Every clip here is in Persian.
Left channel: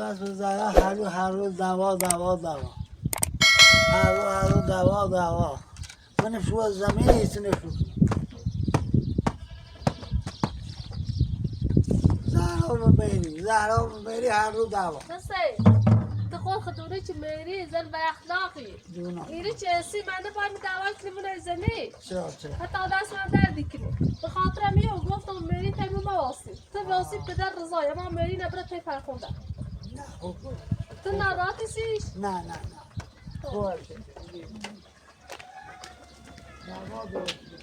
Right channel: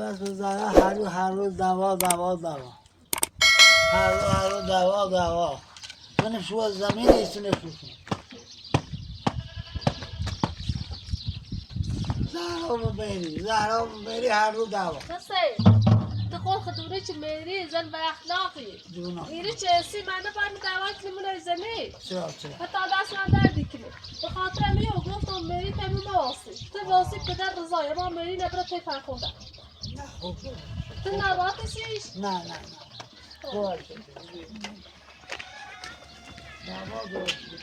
بس بزنه هر روز دوا هر روز دوا من شو زمین ایستونه شو زهرا ببری هر روز دوا تقول خدوني ميري زن بأخلاقي ميري چه منو باید دعوای کلیمون زنی حتی دست من دردی کنه به خاطر امیه و گفتم ميري تیمو مواسی تو واسی پدر رضای ما ميري نبره تی فرخونده تو ناراحتی سیش؟ نه باشه دوا درست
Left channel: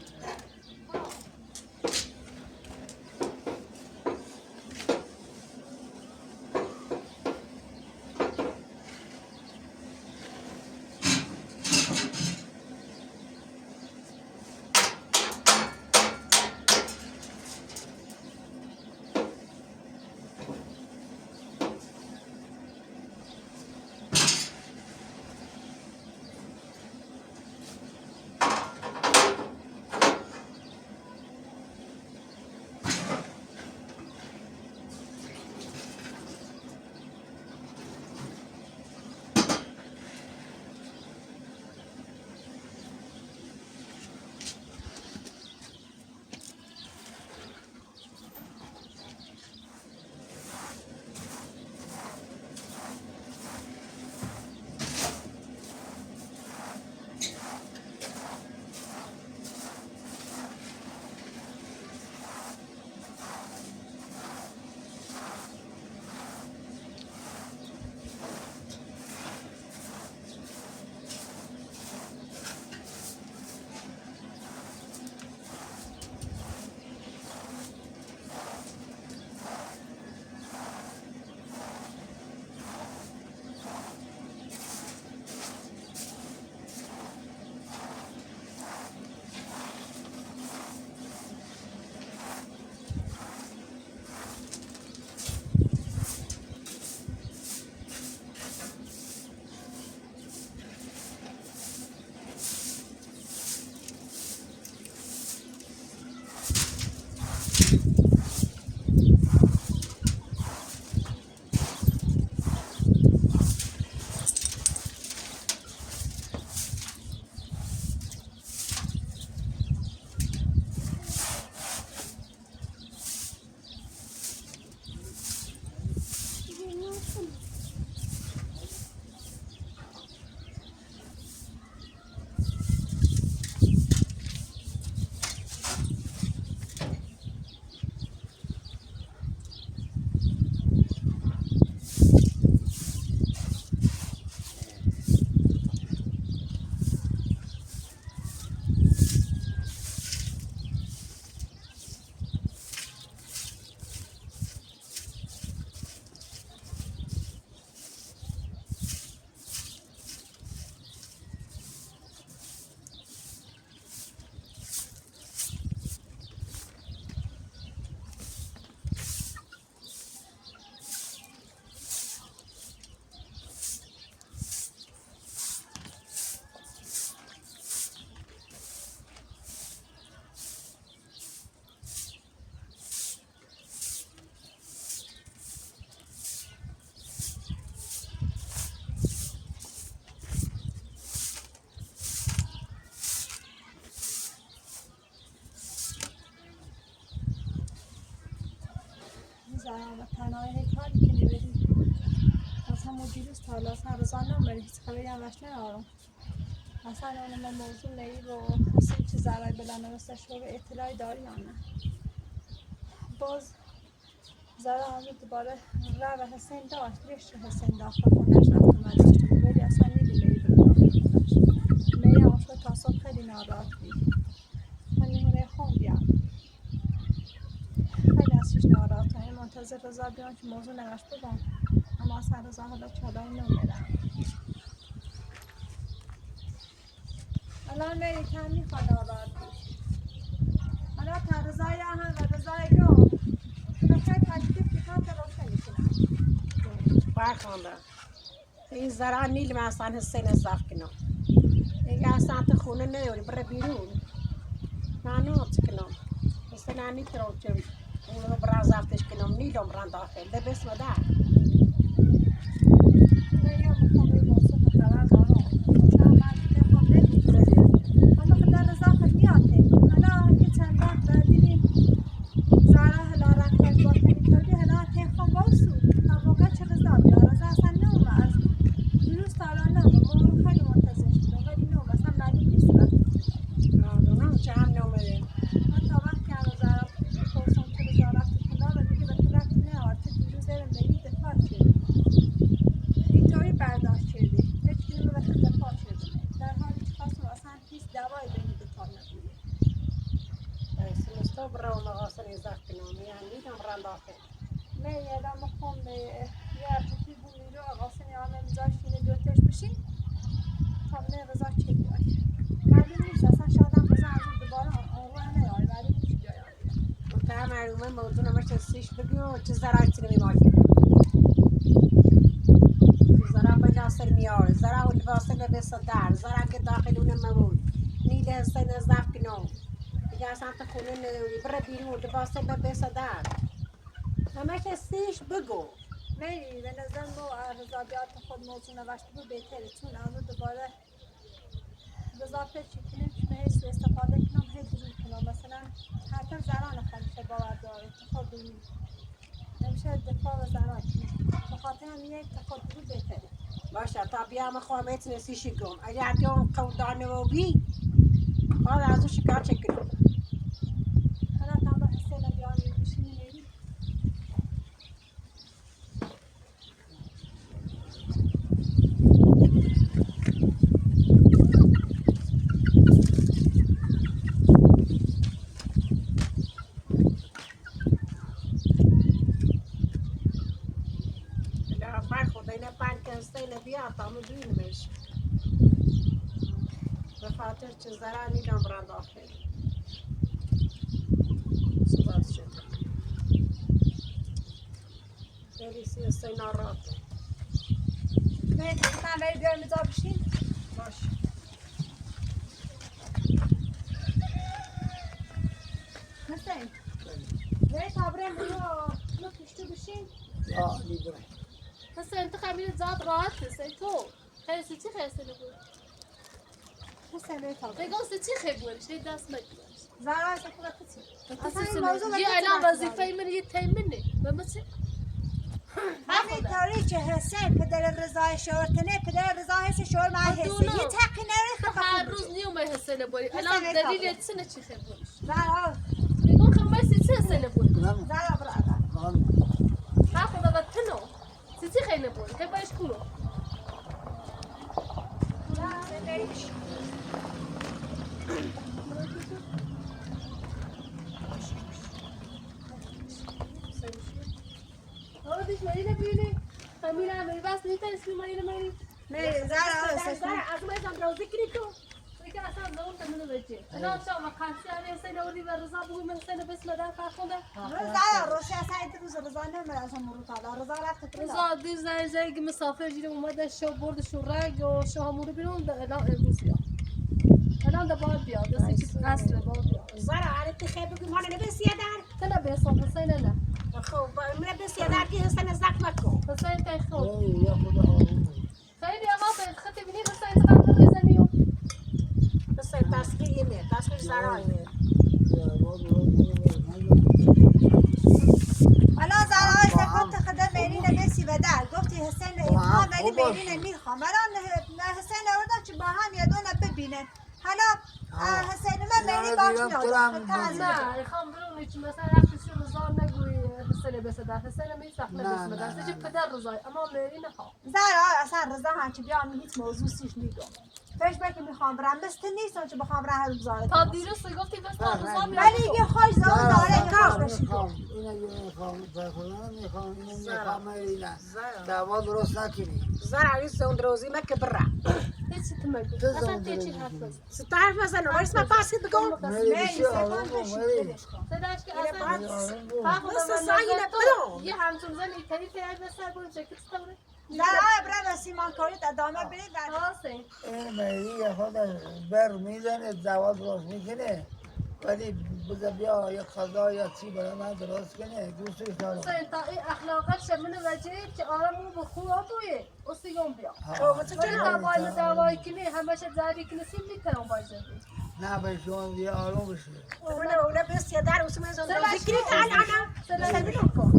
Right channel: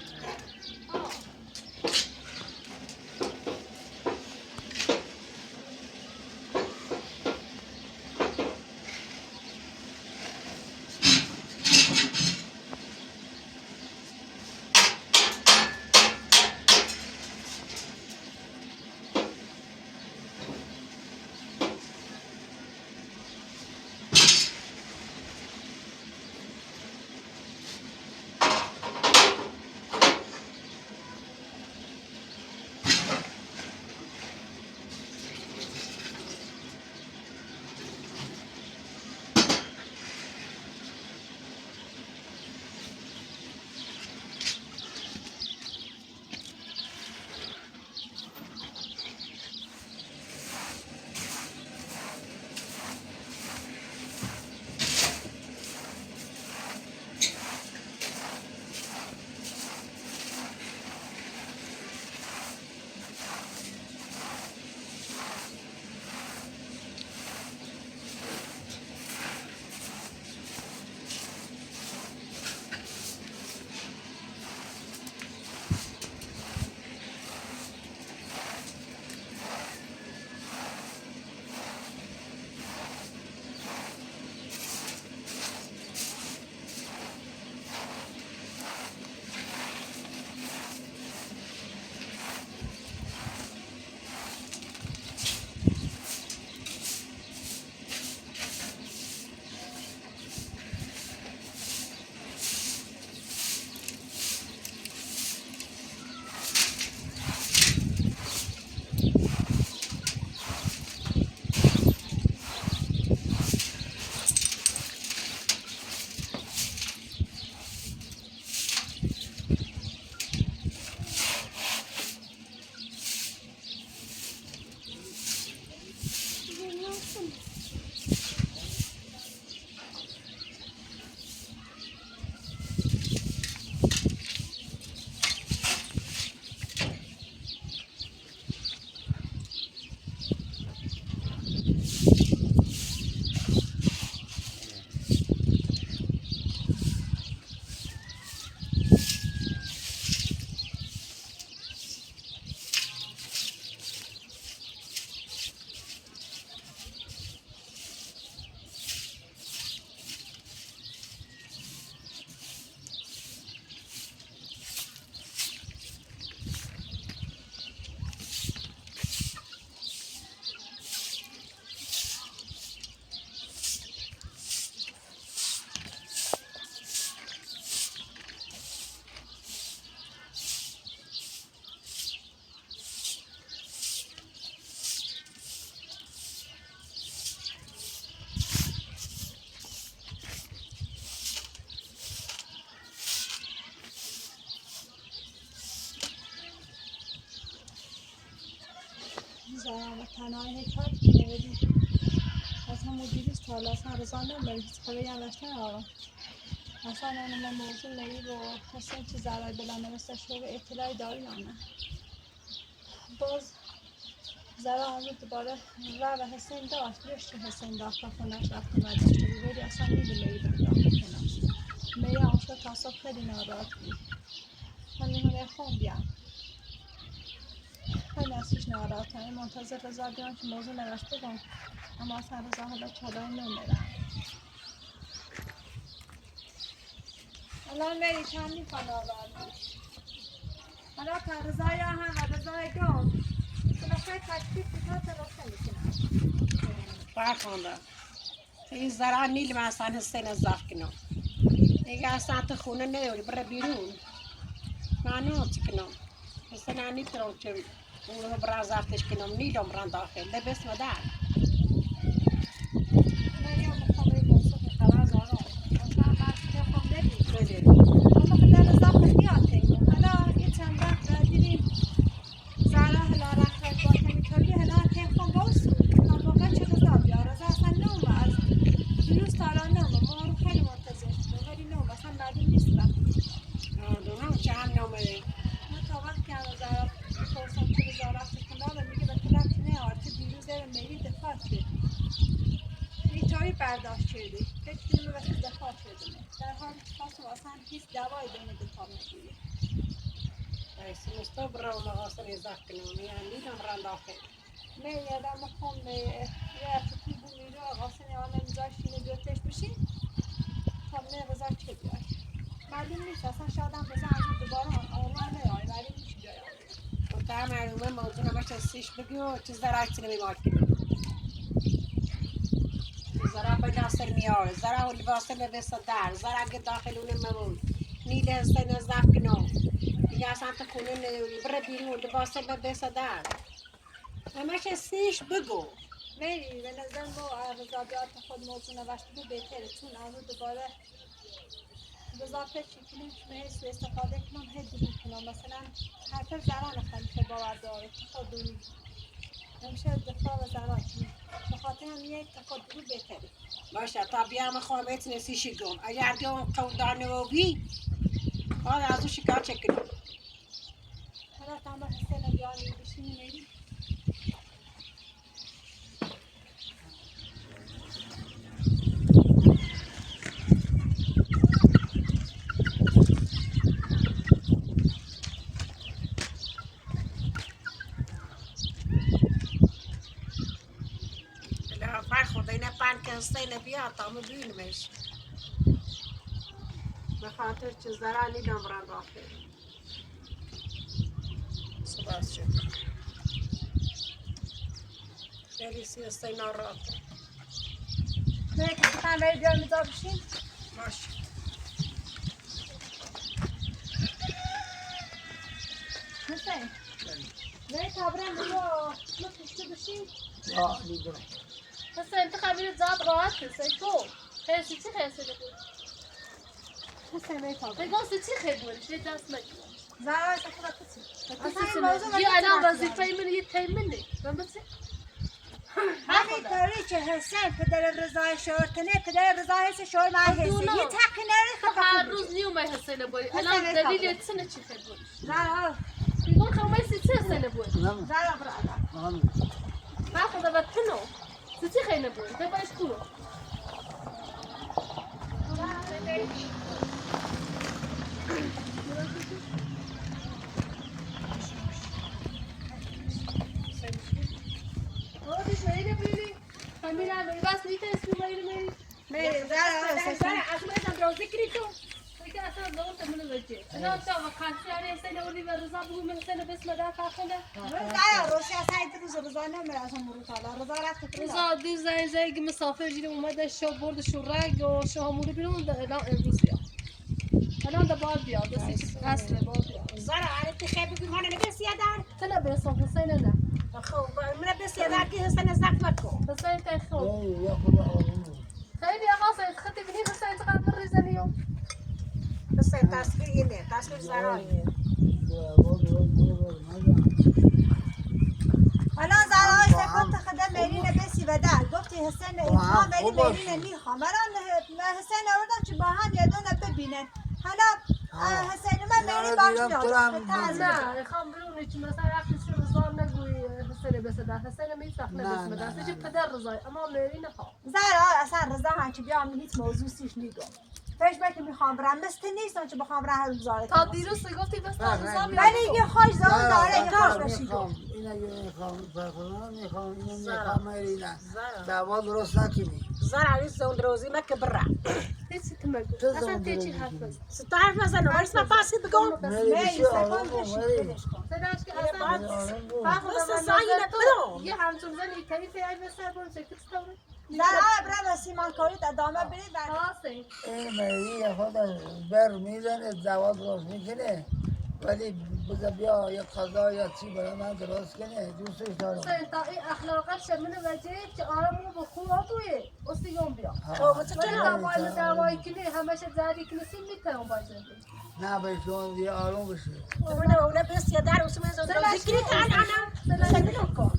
زارا تنهای کاری که نمیدی از همون دیروز تا حالا اصلا رضا نمیدی هیچ خبری هم داشته ندارم اصلا من موضوع نیی رو حسین چه ضرر بلا نوستش رو به اطلاعی داری یا نه باز زارا همون دوباره رو به حسین داشت بیش چه حسین داخل خونش رفت اومده ولی اصلا میدونه میری آشو تا صبح خیلی ناراحت بود من میمونه خون بیام خیلی ازش ناراحتم منتظر رضا بیام که موضوع نوشت بگم اما اصلا رضا حالا چادر نمیره الان میری چند میخواد ناراحت باشی حالا تا رضای هم و رضای گم که بخوای تکلیف بکنم تا روشن میکنم برخوانده این زرا نیل من اصلا حسین ازاف کنم دیگه اصلا تو خونه نیوری بره بیرون معنوت کنم حسین انی ترو چه اون رو برا زفتش کنم نیلم ران داخل ده بس مدار هیچ دوای بین دوتان نبوده. سیمستا برای مغاسر ازاف کنم یعنی دم رند آخر. نه یادم میخوام یه ارتفی بومی رو آقاسنی آنم میذاشتین بیوتش بشین تا نه رضا چه بیاد معلوم نیست اصلا شادم رضا از دوباره آروه نیای ولی میشه بیاد و تا معلومه موضوع نماشت سیش بگو چه زراعتی نمیمایی زراع بجا سر میاره زراع و لباسه ببسه در زراع که داخلونه ممون نیل هسته نزدف کنم دیگه اصلا تو خونه نداری بره بیرون لباسه ببسه در همش سیش بگو میری به نظر ما رضا بیاد خود موضوع نوشته بود بهتره چون از دوباره رضا فکر کنیم که من سو استفاده کنم هی دروغ کنم مثلا حتی زنان خلیفه باور داره که خود دونی نمیشه دفاع و زنان کنیم به خاطر هم یک خود دروغ بهتره باشه تا بیام خواهمت نسیشی گم اگر دیون قودانه و بی حالا از او شکار چکنم حالا تا با حسین بیانی بشینی میری خدای پن کنسته نبیا تا مو بینمش به خاطر چه زرانی نمرند آخر سپاس شد خیلی سیسته نارات میری تا میری بیان میزا بشین باش حسین میری تا برم بیا ما پشت بشین یا لیبرم حسین انت خبیر زاد راحت حسین تو خیلی چی خیلی بود حسین میری تا برم بگو چی خیلی بود چه دست مگی زرا سفر کسی اصلا این موضوع یه الان وظیفه من یه تیمنه من بس وقتی طوری که حسین پدر رضای شور کنه پدر رضا حس شور من حسه یه تقی نره هر روز نیومه حسین باری الان دلیل چنه چی خیلی بود زرا بگو خمسی چی حسین بود زرا برا ما خدا وقتنو چی خیلی بود تو باش کو دیش میری ببینی فامیلا من بس نیت اسمی میری زرا از ما اینا روزی کریتو فکر اصلا دور تمنو بچه انا تا وقتی علی حسین اولی و رضا بگو من حسین بس مدار فاخونده زرا روشی اصلا این روز رضا نمیره اصلا مرو تعالی رضا رفت رضا دی زای که مسافر جیره اومده شو برد شو رگ و شو همون بیرون الان امروز بیا الان بعد بیا دستی اصل بعد بیا زرا عرفت خیلی بگیم هانه نبیس یادر تنا بیسم حسین نه خب من بس یادر که حسن زخم مکو حسین تا خوب یا خدا آروم خیلی آقا به خاطر ببینی حسین چقدر رزنیو حسن تصویر اینه تصویر زرا اینه حالا زرای سکوت خدا میری نبسی و در گفتی حسین ایمان ولی میری نمیخوام الان حسین آوردم که با هم یه دونه ببینن حالا حسین من میری باش نه خام برونی که مثلا وقتی شو رضا نگوی حسین بس در حسین میفخ نه بس در چه پدر رضای اما میری نخوام زرا اصلا رضا هم که بیام هیچ موضوع سیش نیگم فکر بکنم میخوام برم مثل نیستم که بخوام راه رو گذاره تا دیروز گفتی بس رضا ولی یه خوش زمان داره یه خوش میخوام اینا میخوام بخونم میخوام اینو میخوام اینا دعوا درست نکنی زرا عویز زون روزی مکه برا هیچ تو مگو اصلا تیچی حرف بزن ستار مثلا ولی اسم پاسی بگم میری بشی آروم میری صداش که اصلا مثل سایه نبرم یه همچون زن ایتایی پیاج بسر برون شکل ستاره زرا برم سیمان کارید ادامه برید خلاصه این میری خود بر میزنه دعوا درست میکنه ولی بگه بیا یا قضا یا چی برای من درست کنه دوستش دارم حسین تا این اخلاقات شمین وجه که آرامو به خوب آتویه اصیگم بیا ولی تا باید دعوایی کنی همش زدی کنی سیم میترم باید زدی نه به شما دیگه آروم بشه اونه اونه بس یادر اسم زون روزی کری انا سلام کن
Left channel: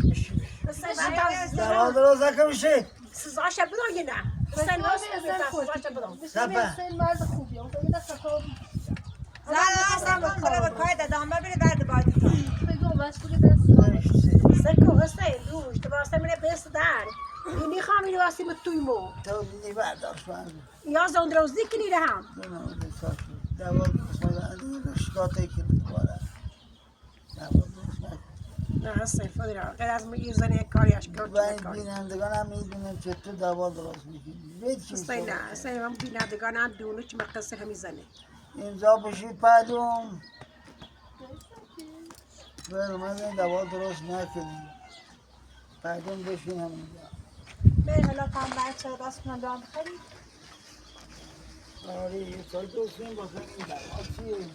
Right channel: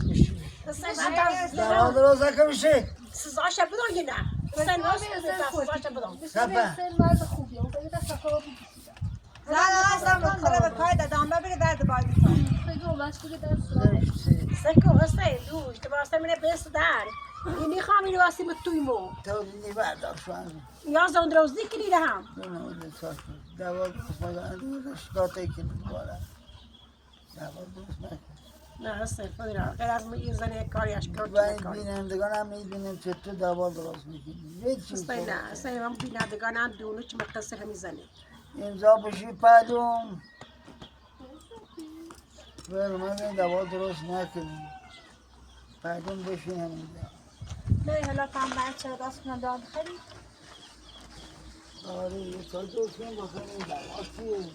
دعوا درست نکنیشه سزاش بدون نه حسن واسه سزاش بدون حسین مرد خوبیه اون فقیده سکا زرا اصلا کن برای کارید ادامه برید بعد باید بگو بس بگه دست سکو حسین دوش تو واسه منه بس در اینی خامی رو واسه متویمو تو نیبردار شوان یا زون روزی کری هم نه نه دوا درست نکنه رشکاته که دوباره دوا درست نکنه. نه استغفار را غیر از یه زن کاری اشکال و این کاری بینندگان هم میدونیم که تو دوا درست میکنی به چی است نه اصلا هم بینندگان هم دونو چه مقصر همی زنه امضا بشی پدوم برمز دوا درست نکنی پدوم بشین همینجا بری حالا هم بچه راست کنم دام خیلی آره یه سال دوستیم بکنی این دوا چیه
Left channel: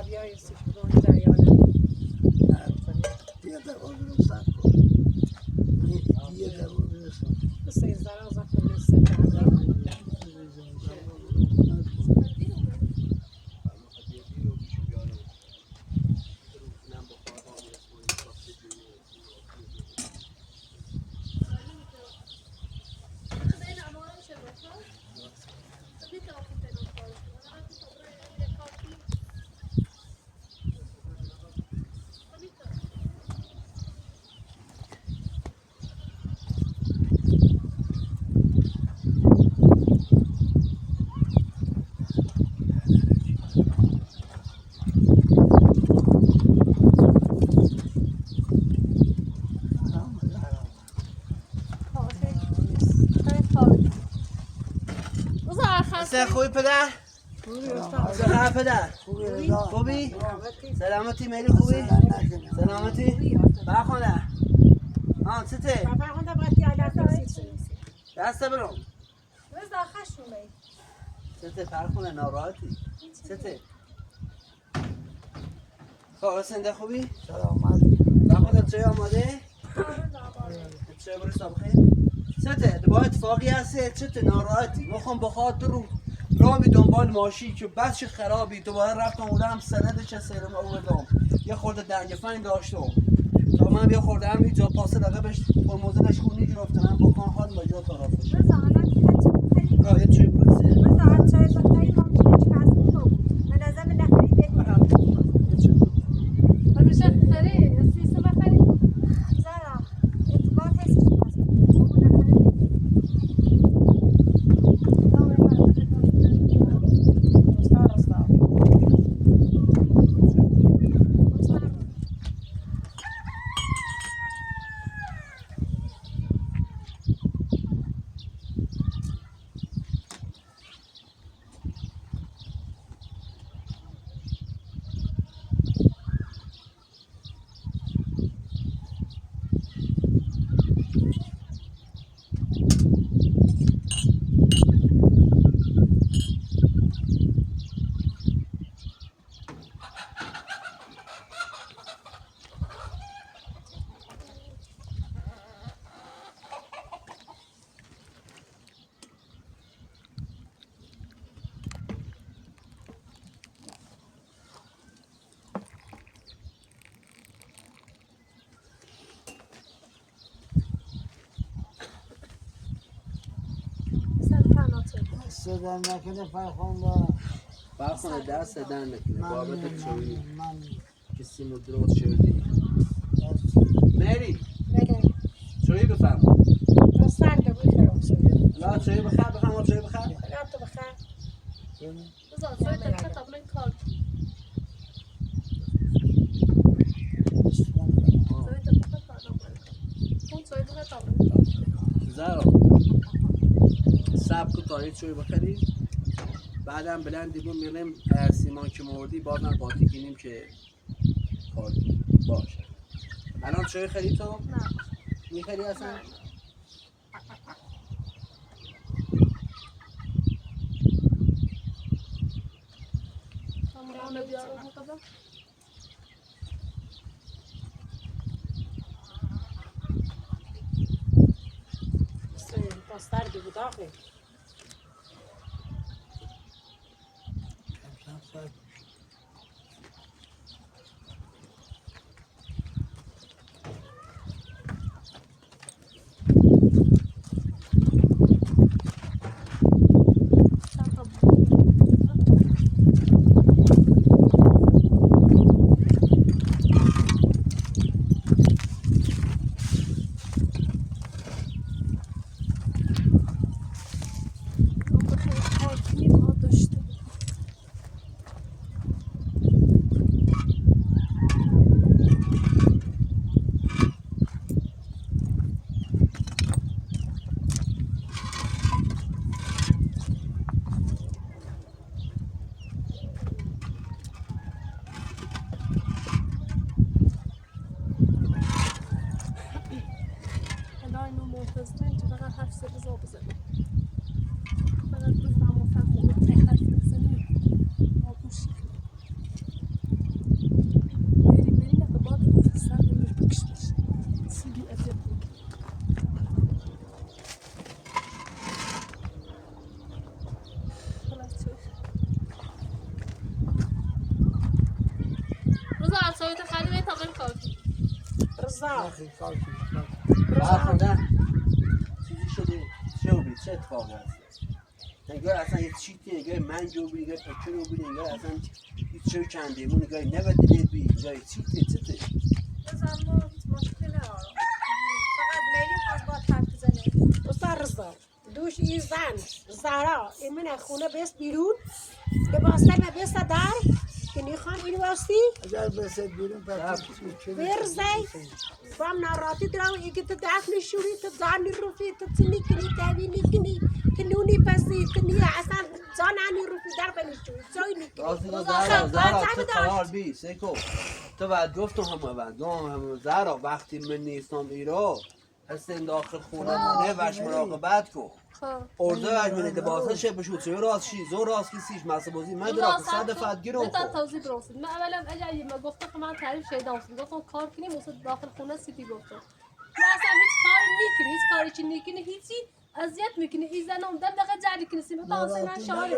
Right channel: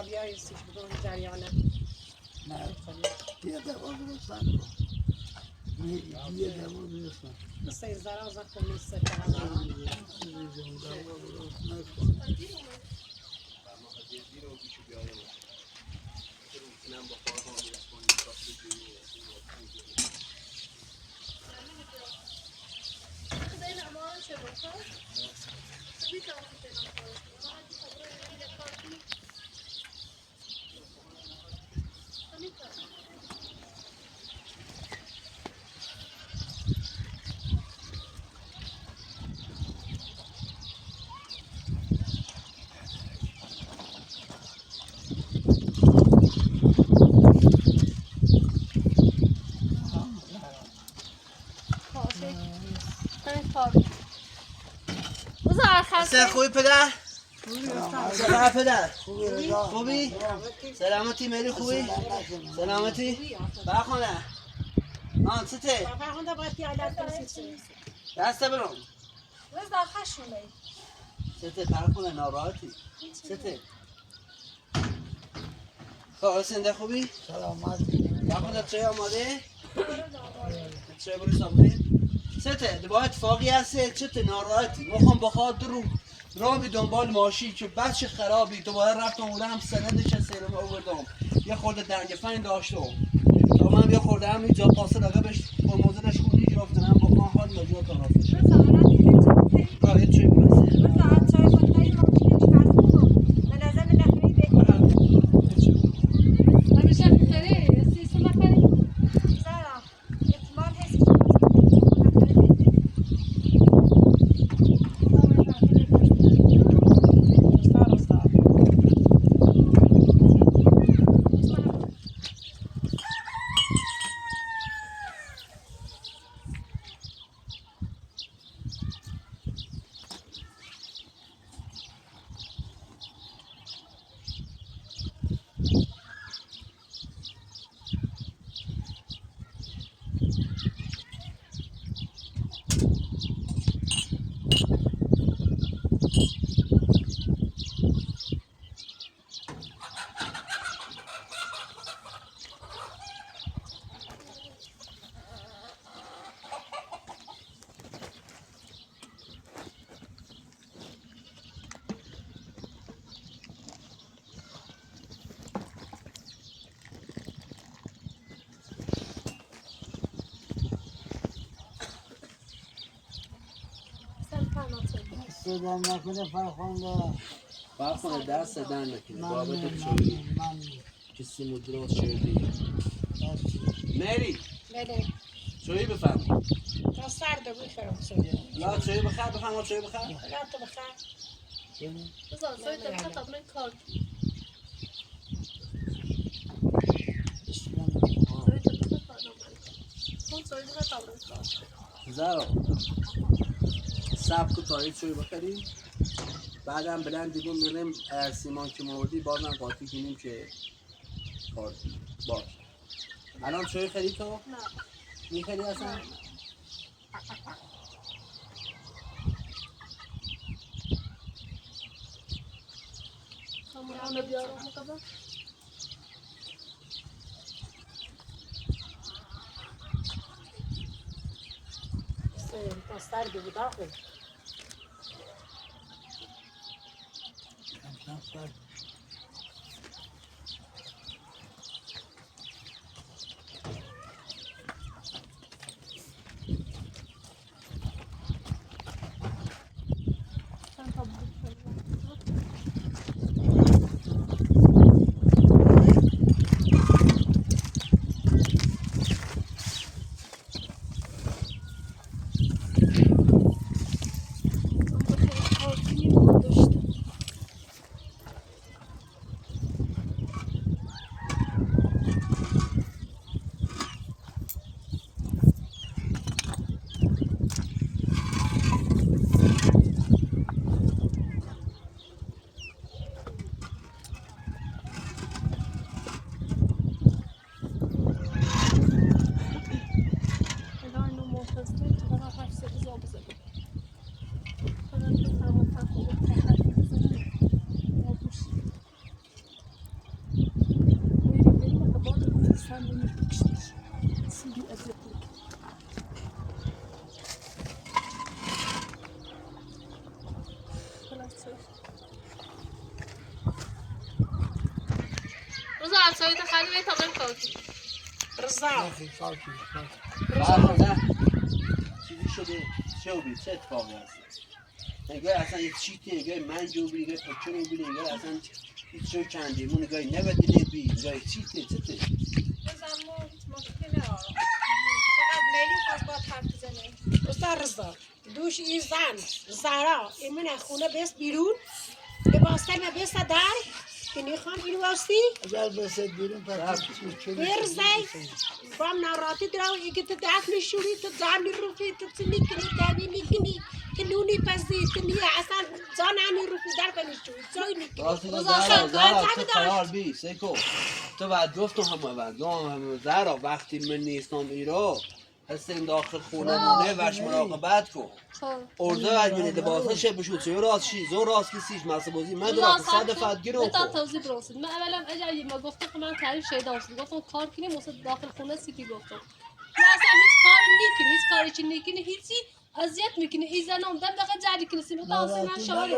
حسابیای استش بگم جریانه یه دوا درستن کن یه دوا درستن سه زرا از خود استفاده سر خوبی پدر؟ سلام پدر خوبی رضا خوبی؟ سلامتی مری خوبی؟ سلامتی؟ برخونه آن چته؟ بابا خونده باید یادت برسید دسته برم رضا خشونه چته برخونه ناراحتی؟ چته؟ خب سنده خوبی؟ سلامتی برخونه چای آماده؟ چای بری سابقه؟ چته؟ دو اتفاقی هسته چته ناراحتی؟ میخوام بخاطر رو رامی دنبال ماشی که بچه خرابی دوباره رفتم اونم سندش از سیرم آوردم یه خورده دنگفنگ داشتم تا من یه خورده هم اینجا پاسه رقبش با موزنش خونی گرفتنم بکن حال مجال طرفش رضا الان دیگه چی راه یه چوی برسه رضا چای بخوری ممکنه چکار کنم من از من نخری بکنم همیشه خیلی سیستم بخری زرا اعتبار هست که نخری صدا نکنه فرخنده برخونه دست در نکنه بابت چوی من کسی مدروس شدی مری بده چوی بفهم تو سرده بود فراموشی لا چوی بخیر بفهم چوی بخیر خدا تو بخیر رضا سوی تا قطع من کار سوی تا قطع کار کن سوی تا قطع کار زارا سب کو تایید چوی بخری بعدم بلند دیگه میریم سیمان که موردی بازم قاطی کنیم که کار باشه الان چوی خرید تو؟ نه میخری اصلا؟ همون بیارم مقدم تو سرده بود آخه منتظرين تبغى حرف سبزة وبزبط فأنا بفهم وفاهم وبتحرف بزبط وبوش میگه تا من کافی رضا اخی کاکی نه چیزی شده چه بید چه اتفاقی هست نگاه اصلا یه چیتی نگاه من جو بید نگاه پکر رو بید نگاه اصلا هیچ شو کنده مون نگاه نبدیده بید نگاه چیته چته رضا ما مشکلی ندارم فقط میلی خواست با حرف بزنه استاد رضا دوش این زن زهرا ایمن خونه بیست بیرون لباسه ما بیست در که نیخوام اینو باستی اگر بسید بیرون پس چی برزی بام ناراتی درو ایگه تو دست نشوری تو جان نیروفی تو چی نیکنی دوی نیکنی تو نونی پسی تو نیه اصلا جان نیروفی در بنشوری جای نیکنی راستی که زهرا تو قرار بی سیکو تو بعد گفتم همه زهرا وقتی من نیستم ایرو هستیم داخل خونه مونه وش مراقبت کن خب ارده وش بینید لباسا شه بشود سوی راست شی زور راست کسیش مصر بازی من درا که صد فت گیرو تا کن توضیح برسید من اولا اجایی ما گفتم که من تعریف شیدا هستم گفتم کار کنیم واسه داخل خونه سیتی گفتم تو اصلا هیچ کاری نیکنی هیچ کاری چی نیکنی هیچی اذیت میکنی این زنم دم دقیقه جدی کنی سیمه تا حسین من شاهد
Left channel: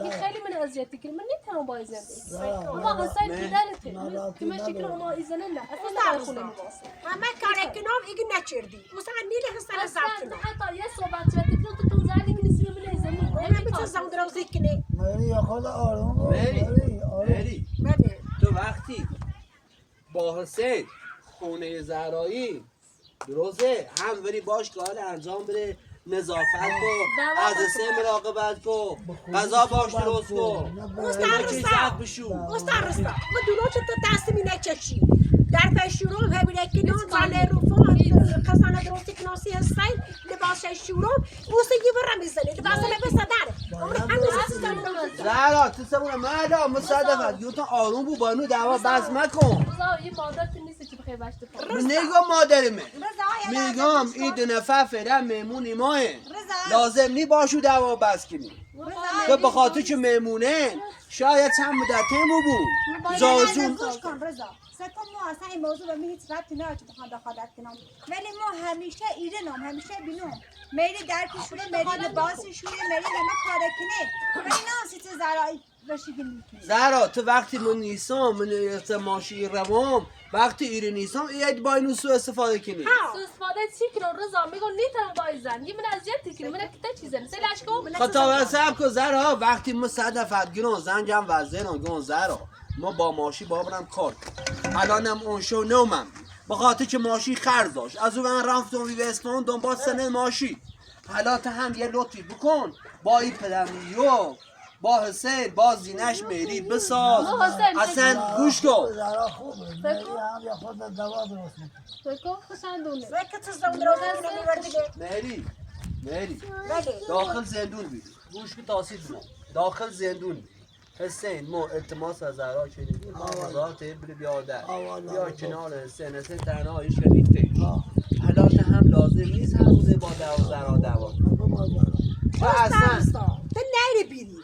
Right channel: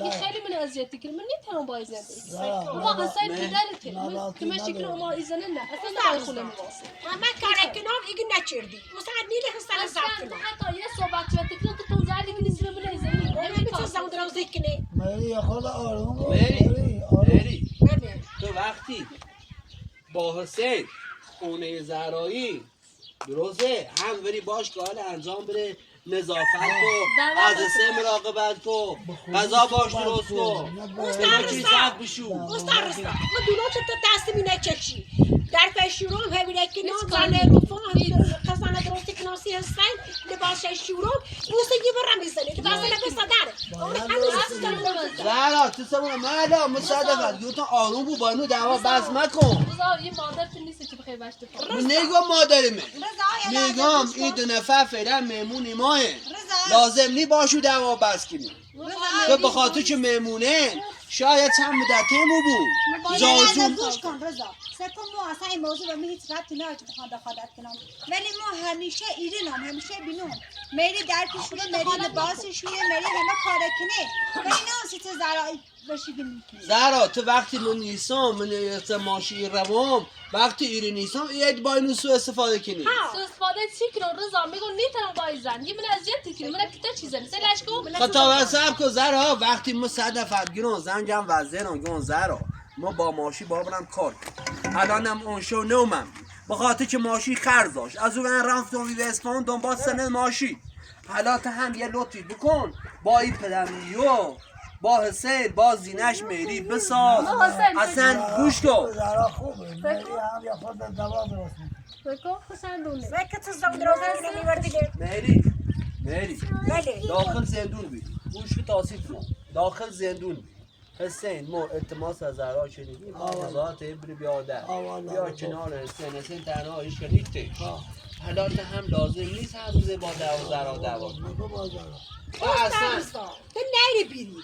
این خیلی من اذیت کنی من نمیتونم با این زنده ما حسین پدرته که من شکل ما این زنه نه اصلا داخل خونه میواسه همه کار کنم ایگه نچردی مثلا نیل حسن زب کنم حتی یه صحبت شده که تو زدی کنی سیمه من این زنه نمیتونم زمان درو زکنی مری یا خود آروم باش مری بله تو وقتی با حسین خونه زهرایی درسته هم بری باش که حال انجام بره نظافت کن از سه مراقبت کن غذا باش درست کن همه چیز زد بشو استاد رسا ما دونو تو تصمی نچشی در پشورم همینه که نان زنه رو فون خزانه درستی کناسی هستین لباس شورم بوسه یه برم میزنی لباس لباس داره اون همه زهرا تو سمونه مالا مصادفت گفتم آروم بو با اینو دعوا بس مکن رضا این مادر تو نیست که بخوای باشت من نگم مادرمه میگم این دو نفر فعلا مهمونی ماه لازم نی باشو دعوا بس کنی تو به خاطر که مهمونه شاید چند مدتمو بود زازون گوش کن رضا سکو ما اصلا این موضوع به من هیچ ربطی نداره که بخوام دخالت کنم ولی ما همیشه ایرانم همیشه بینم میری در پیشونه میری لباس شوره میری همه کار کنه ولی نه سیت زرایی بشیگی میکنی زهرا تو وقتی من نیستم من ماشی روام وقتی ایری نیستم اید با اینو سو استفاده کنی سو استفاده چی کنم رضا میگم نیتم با این زن یه من اذیت کنی من که چیزن سلاش کو خطا واسب کو زهرا وقتی ما صدفت گیرون زنجم وزیرم گون زهرا ما با ماشی بابرم کار کنم الانم اون شو نومم بخاطر که ماشی خرج داشت از اون رفتم وی اسفان دنبال سن ماشی حالا تا هم یه لطفی بکن با این پدمیو با حسین با زینش میری بساز اصلا گوش کن زهرا خوبه مری هم یا خود دوا درست میکنه فکر حسین دونه زکه تو زمان درو زکنی مری بله داخل زندون بید گوش که تاسیف ما داخل زندون بید حسین ما التماس از زهرا شنیدیم مغازات بری بیاده بیا کنار حسین تنها ایش کردیده حالا تا هم لازم نیست هر روزه با زهرا دعوا و اصلا تو نیری بیری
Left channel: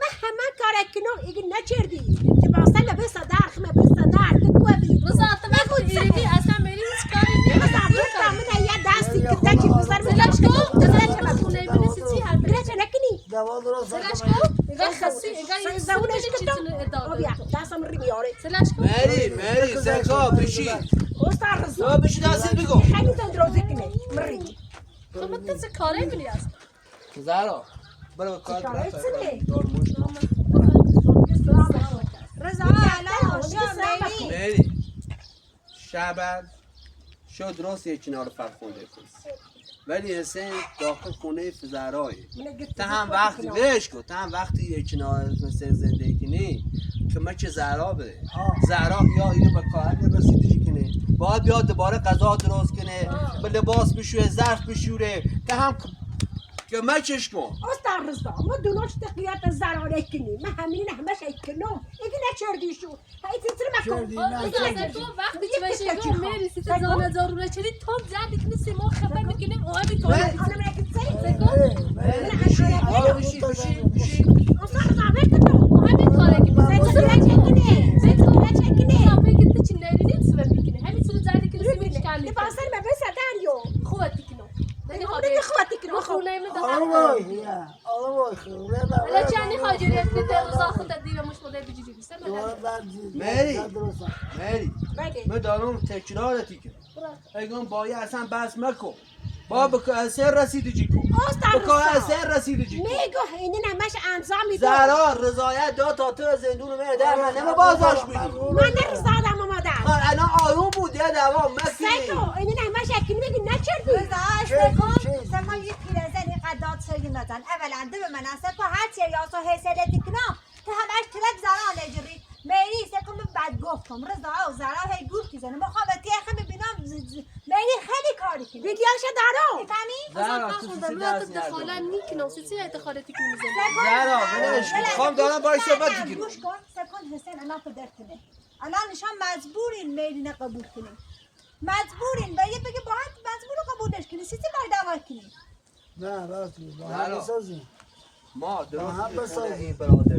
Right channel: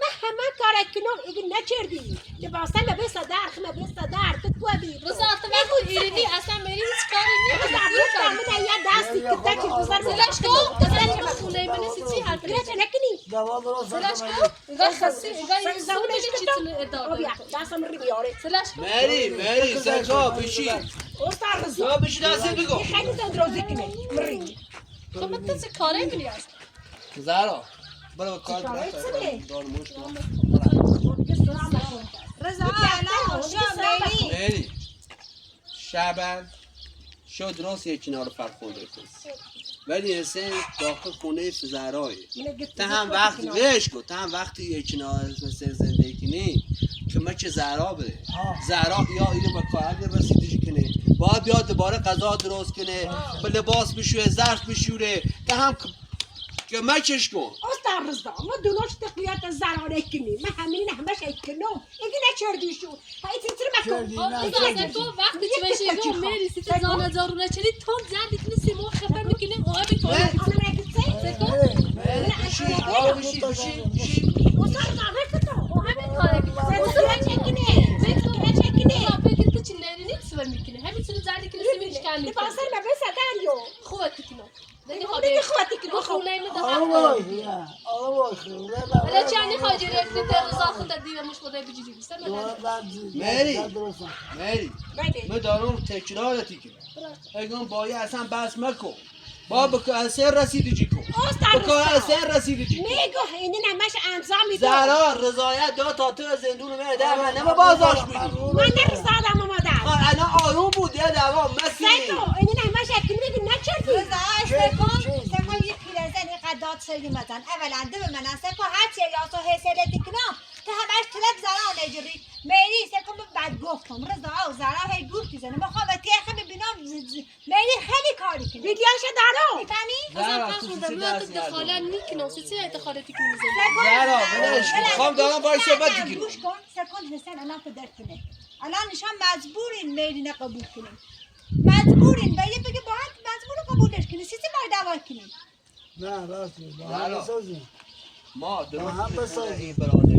من همه کار کنم ایگه نچردی که باسه لبه صدر خمه به صدر تو کوه بی رضا تو وقتی ایرانی اصلا میری هیچ کاری بزر تو من یه دستی که تکی بزر سلاش کو سلاش کو خونه من چی حرف بله نکنی دوا درست سلاش کنه کو اگر خاصی اگر زمانش چیزی ادعا بیا دستم ری بیاره سلاش کو مری سرکا بشی استاد رضا تو بشی دستی بگو خیلی دندروزی کنه مری تو من تو چه کاری می‌کنی است زهرا برو کار شرایط چیه؟ دارموش رضا الان شو میری مری شبن شو درست یک کنار فرخونده کن ولی حسین داخل خونه زهرایی تا هم وقتی وش کن تا هم وقتی یک کنار حسین زندگی کنی که ما چه زهرا بره زهرا یا اینو به کار رسیدش کنه باید بیاد دوباره غذا درست کنه به لباس بشوره ظرف بشوره تا هم که مچش کن استاد رضا ما دوناش تقویت زرانه کنی من همین همش کنم ایگه نچردی شو هایی تیتر مکن تو وقتی چه بشه گو میری سی زانه زارونه چلی تو زدی کنی سی مو خفه میکنی اوه بی تو آنم نگید سید بشی استاد رضا بکنم همین کاره که چکنه فکر تو چی نیری نیست میکنی همین چیزو زدی کنی سی میشکنی لباسر به صدر یو خوبه تکنو دیگه خواهد کنم خونه میده حالا چنی خواهی رفتی در روزا خود دیگه مش بوده بجیجی بیسته مری بله من دارم تکرارتی که اگه باید اصلا بس مکو با بکو اثر رسیدی جی کو بکو اثر رسیدی جی کو میگو اینی نمش امضا میدو زهرا رضایت داد تا تو زندون میده من نمه بازداشت بدی من نمیزادم مادر انا آروم بود یه دوام مکنی سیکو اینی نمش اکی میگی نکردی سپا یه پیرزن اینقدر داد سری مزن اولا دو من سپا هرچی یا سو حسیلتی کنم که همش تلک زرا نجری میری سکم بد گفتم رضا و زرا هی گفتی زنه میخوام تیخه ببینم میری خیلی کاری کنی ویدیوشو دارم زهرا تو چی درس دخاله نداری نیک نوسی چی دخالتی که میزنی زهرا ولش کن خواهم دارم باید صحبت دیگه گوش کن سکن حسین الان تو درک کنه الان نشان مجبورین میری نقبول کنیم مجبورین میری بگه باید مجبور قبولش کنی سیسی باید دعوت کنی نه راست میگی با زهرا. هم بسازیم ما درست هم این خونه بسازیم. این برادر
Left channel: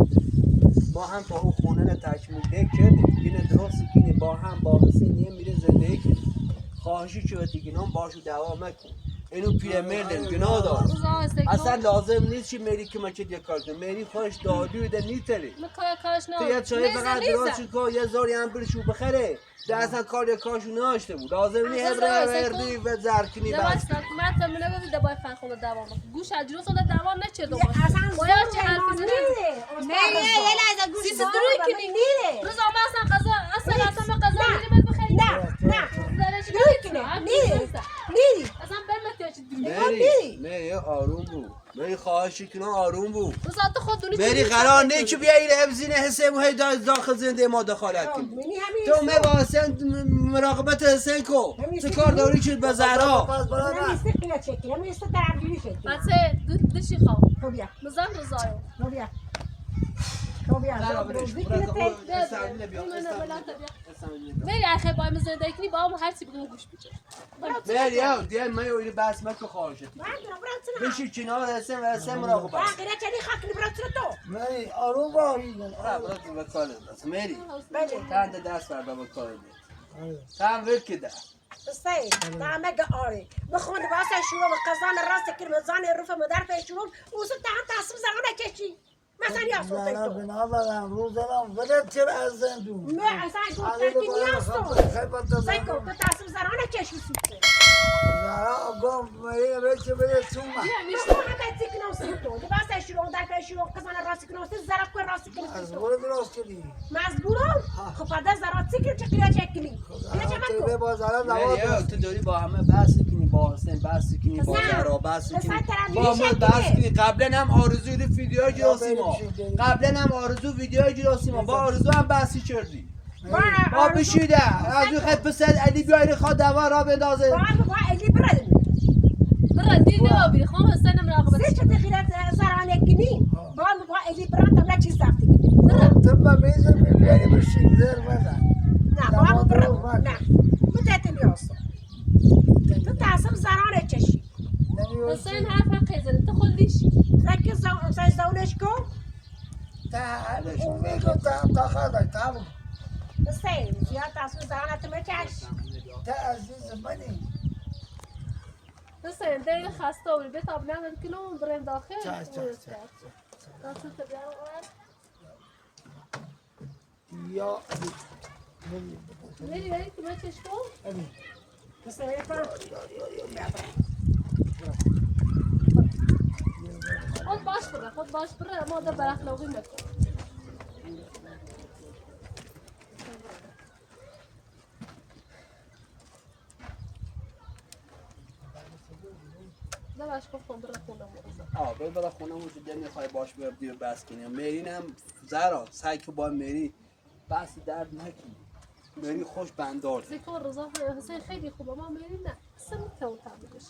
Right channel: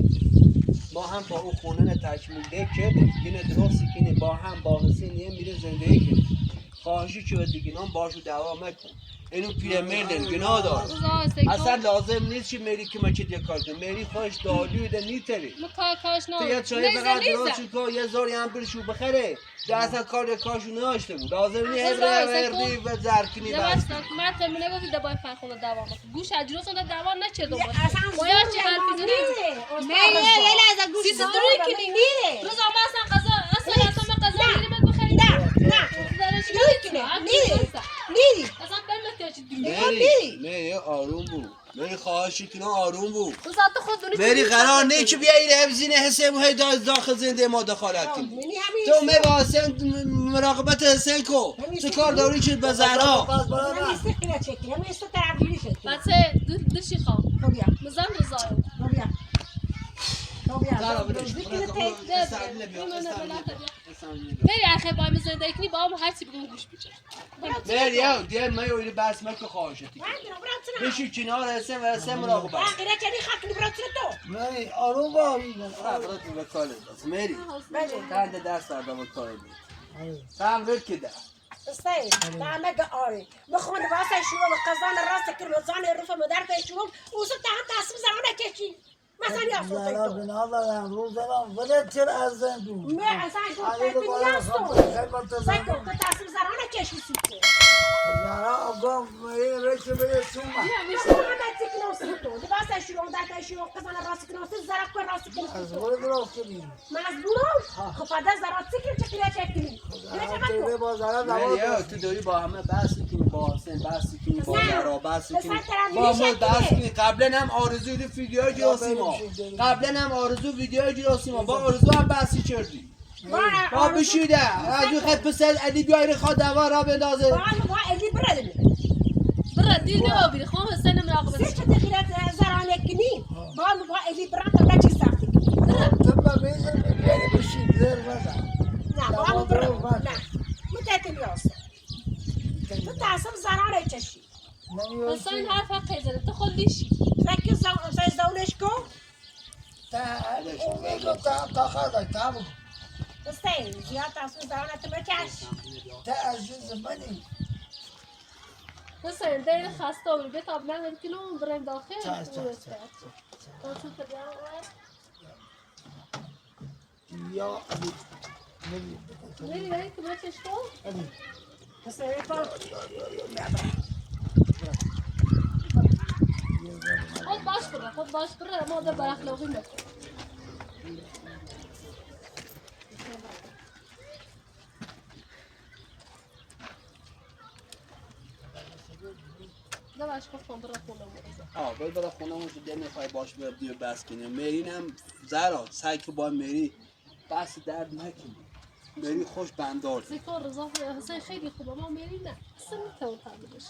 ما هم با اون خونه نه تکمیل ده کردیم اینه درستی که با هم با حسین یه میره زندگی کنیم خواهشی که دیگه نام باشو دوام مکن اینو پیرمردن گناه دار اصلا لازم نیست که میری که مچه دیگه کار کنی میری خودش دالوی ده نیتری کاش نه تو یه چایی فقط درست کن یه زاری هم برشو بخره ده اصلا کار کارشو ناشته بود لازم نیست هردی و زرکنی بس لباس من تمنه بود دبای فن خونه دوام گوش اجروس اون دوام نچرد اصلا باید چه حرفی زنه نه یه لحظه گوش سیسی کن. دروی کنی میره روز ما اصلا قضا میریم بخریم نه درش میری اصلا بمت چی مری آروم بود مری خواهشی کنم آروم بود روز تو خود دونی مری قرار نه که بیایی حفظین حساب و هی داخل زنده ما دخالت کنی منی همین تو می با حسین مراقبت حسین کو چه کار داری که به زهرا پس برای همین من استخیله چکی همین است طرفداری شد بچه دشی خواه خب بیا مزن روزایو خب بیا خب بیا زهرا بلش روزی برای که که تی استعمال بیا استعمال بیا مری اخه با من زنده کنی با هم هر چی بگم گوش بیچه مری یا دیگه ما یوری بس مکو خواهشتی من برام برام بشی کنار حسین و حسین مراقبت باقی چنی خاکی برات تو مری آروم با میگن برات به کار دست مری بله تند دست در به کار دی آره. سام ول کده استای دامه آره بخون واسه شروع قزان راست کرد زان رفع مدار به شروع اوس تا تصم زمان کشی مثلا یا زهرا صوت تو بنا دارم روز دارم ولی چرا از زندون نه اصلا علی گفت رو باید نیاستو خیلی بطه سایکو زندون تو تصم زمان کشی سیته زهرا گم مری ریچه بده چوما بخون همه تکنو سیتو واسه شروع در شروع قزان راست کنه زرق کن راست از کنه برو درست کنی مزبورم خب فدا زرات سیکر چقدر چکنی تیله با زهرا مری یا دواد تو داری با همه بحث کنی با حسین بحث کنی با نه. زهرا بحث بس کنی طرف با ما میشه بحث کنه. کنی قبلا هم آرزو ویدیو گرفتی ما قبلا هم آرزو ویدیو گرفتی ما با آرزو هم بحثی کردی با بشیده از اون خط پسر علی بیای خواه دوا را بندازه با علی برد برا دی نه بی خو حسین مراقبت سه چه دخیلت زرانه کنی با علی برد تا چی سختی تبا میزن میبیاری بشین زر بزن نه با برد نه متأتم یاسو تو تصم زرانه چشی حسین حرف قیزن تو خودیش فکر زونش کن اون میگو تا خواهد تا بگو حسین زیاد تصم زرانه تو مچش تا عزیز منی حسین دل خسته و بیت آب نمیاد کلون بریم داخل چش یا علی میری بریم که بچش تو علی حسین کن خود باش بره ما در براخلاقی نکن نماش گفتم برا خونه مرزا باید برای خونه موجود دل میخوای باش بردی و بس کنیم مرین هم زهرا سعی که با مری بحث درد نکنی مری خوش بندار ذکر رضا حسین خیلی خوبه ما میریم نه اصلا نمیتونم تعمیلش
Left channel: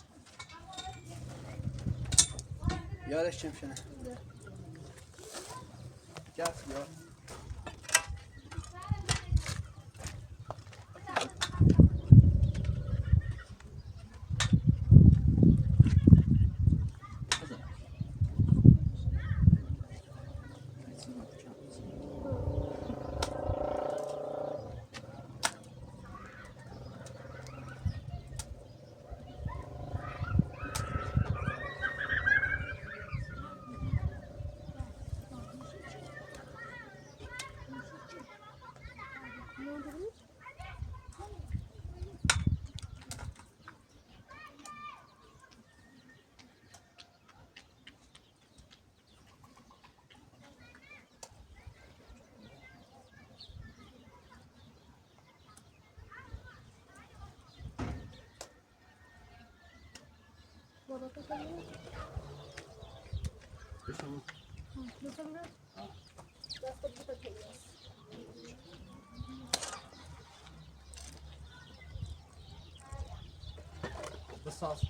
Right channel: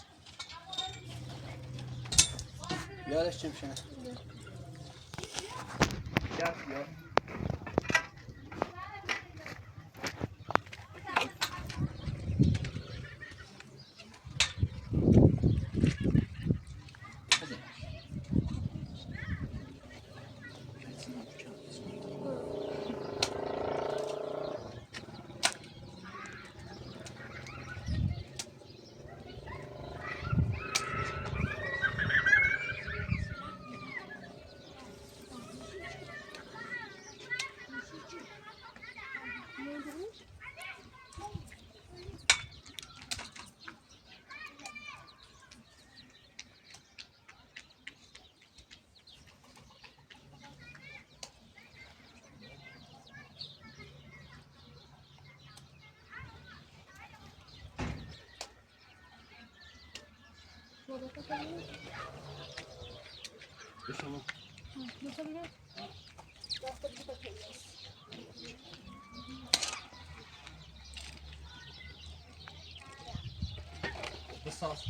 یادش چم شنه گفت یاد شما بساس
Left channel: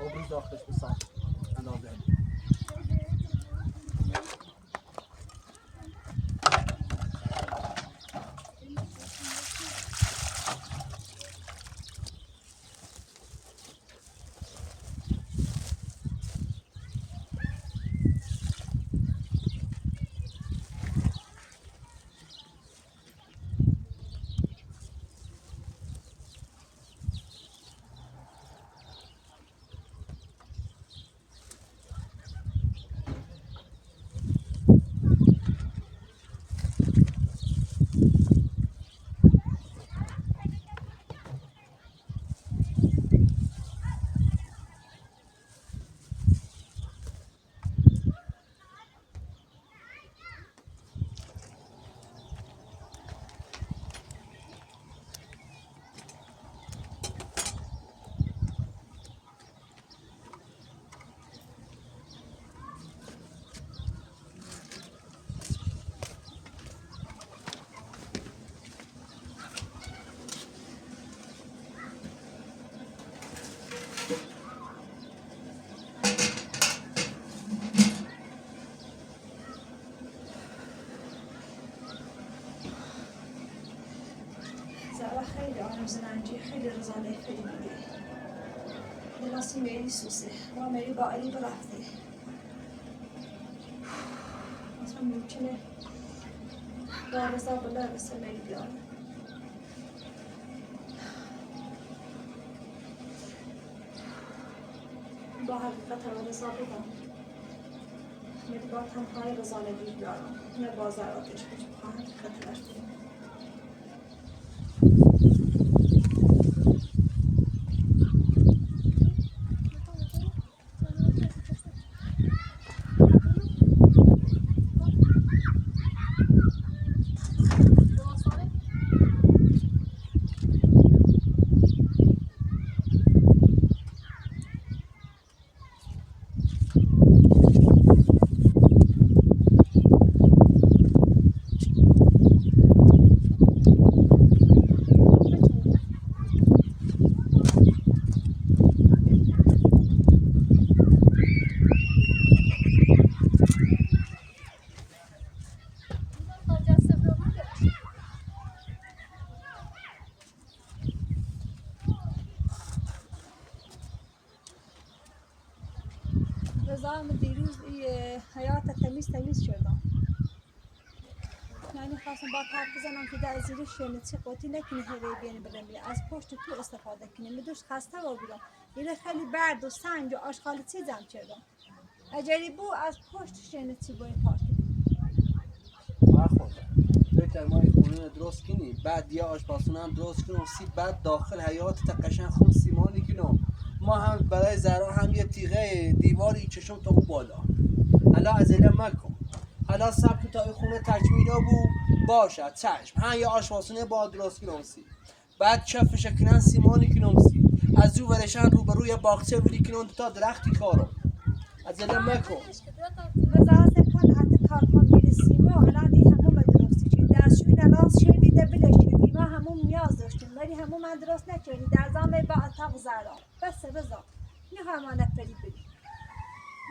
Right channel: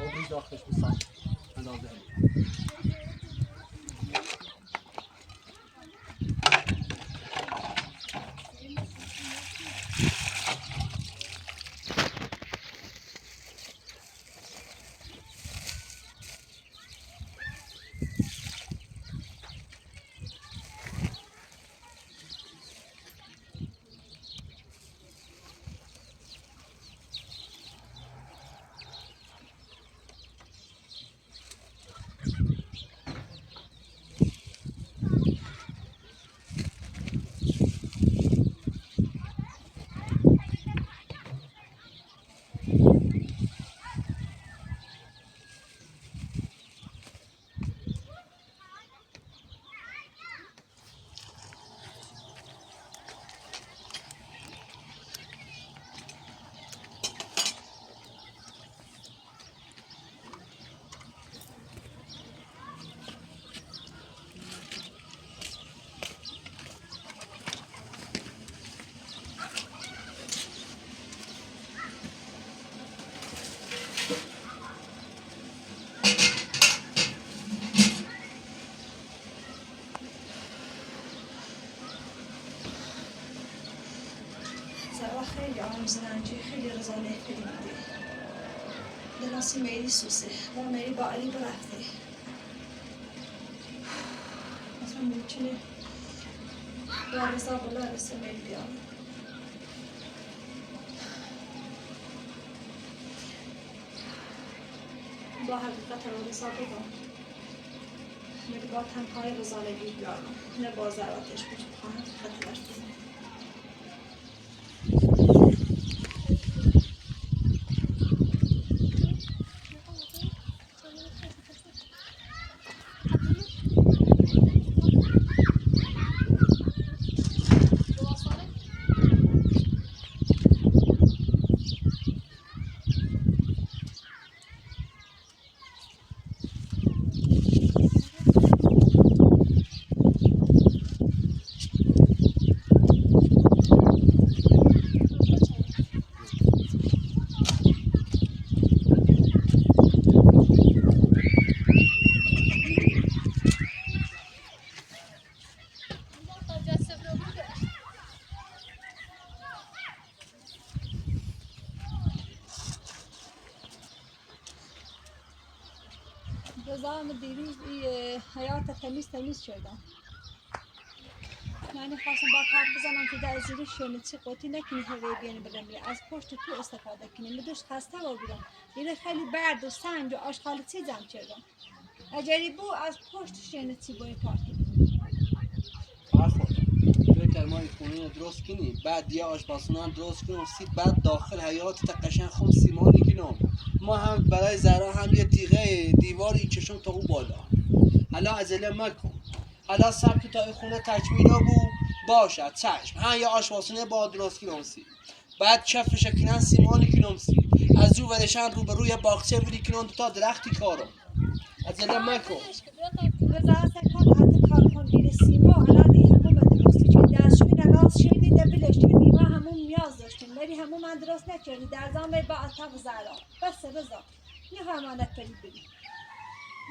آب داخلش بساس اندازه زرا خیلی آرزننجی خیلی رزانه خیلی میده دلاسی میری سوسه و میری با علی برفته مثلا ممکنه با رزا بلا رسه میری بیانه با حقیقت رو رزا بگم میری با تنهای رزانگی بیانم نه با زراتش بود با حقیقت رفته رضا هم دیروز حیات تمیز شدم یعنی خواستم با حرف بزنم که در زیر شونه چی قوتی نکنی هوی بیانی برم بری از پشت تو استفاده کنی میدوش خسته و بیرم دیره خیلی برد و سنج و آشغال چی زم کردم اجری بو از پشت شونه چی بایی پارکی فکر ما این خونه درست کنیم بعد یه آشپزخونه هم درست کنیم بعد داخل حیات تا قشنگ خون سیمانی کنیم ما هم برای زرا هم یه تیغه دیواری کشم تا اون بالا حالا عجله مکن حالا سبک تا این خونه تکمیلا بو باشد چشم هم یه آشپزخونه با درست کنیم بعد چفش کنن سیمانی کنیم از جو ورشن رو به روی باغچه ولی کنیم تا درختی کارو عجله مکن رضا سپان حتی کارکن دیر سیما الان دی همون درستی که دستشوی نراز شدی دبلش کردی ما همون نیاز داشتیم ولی همون من درست نکردی در زمان با اتاق زرا بس رضا نه همانه پری بری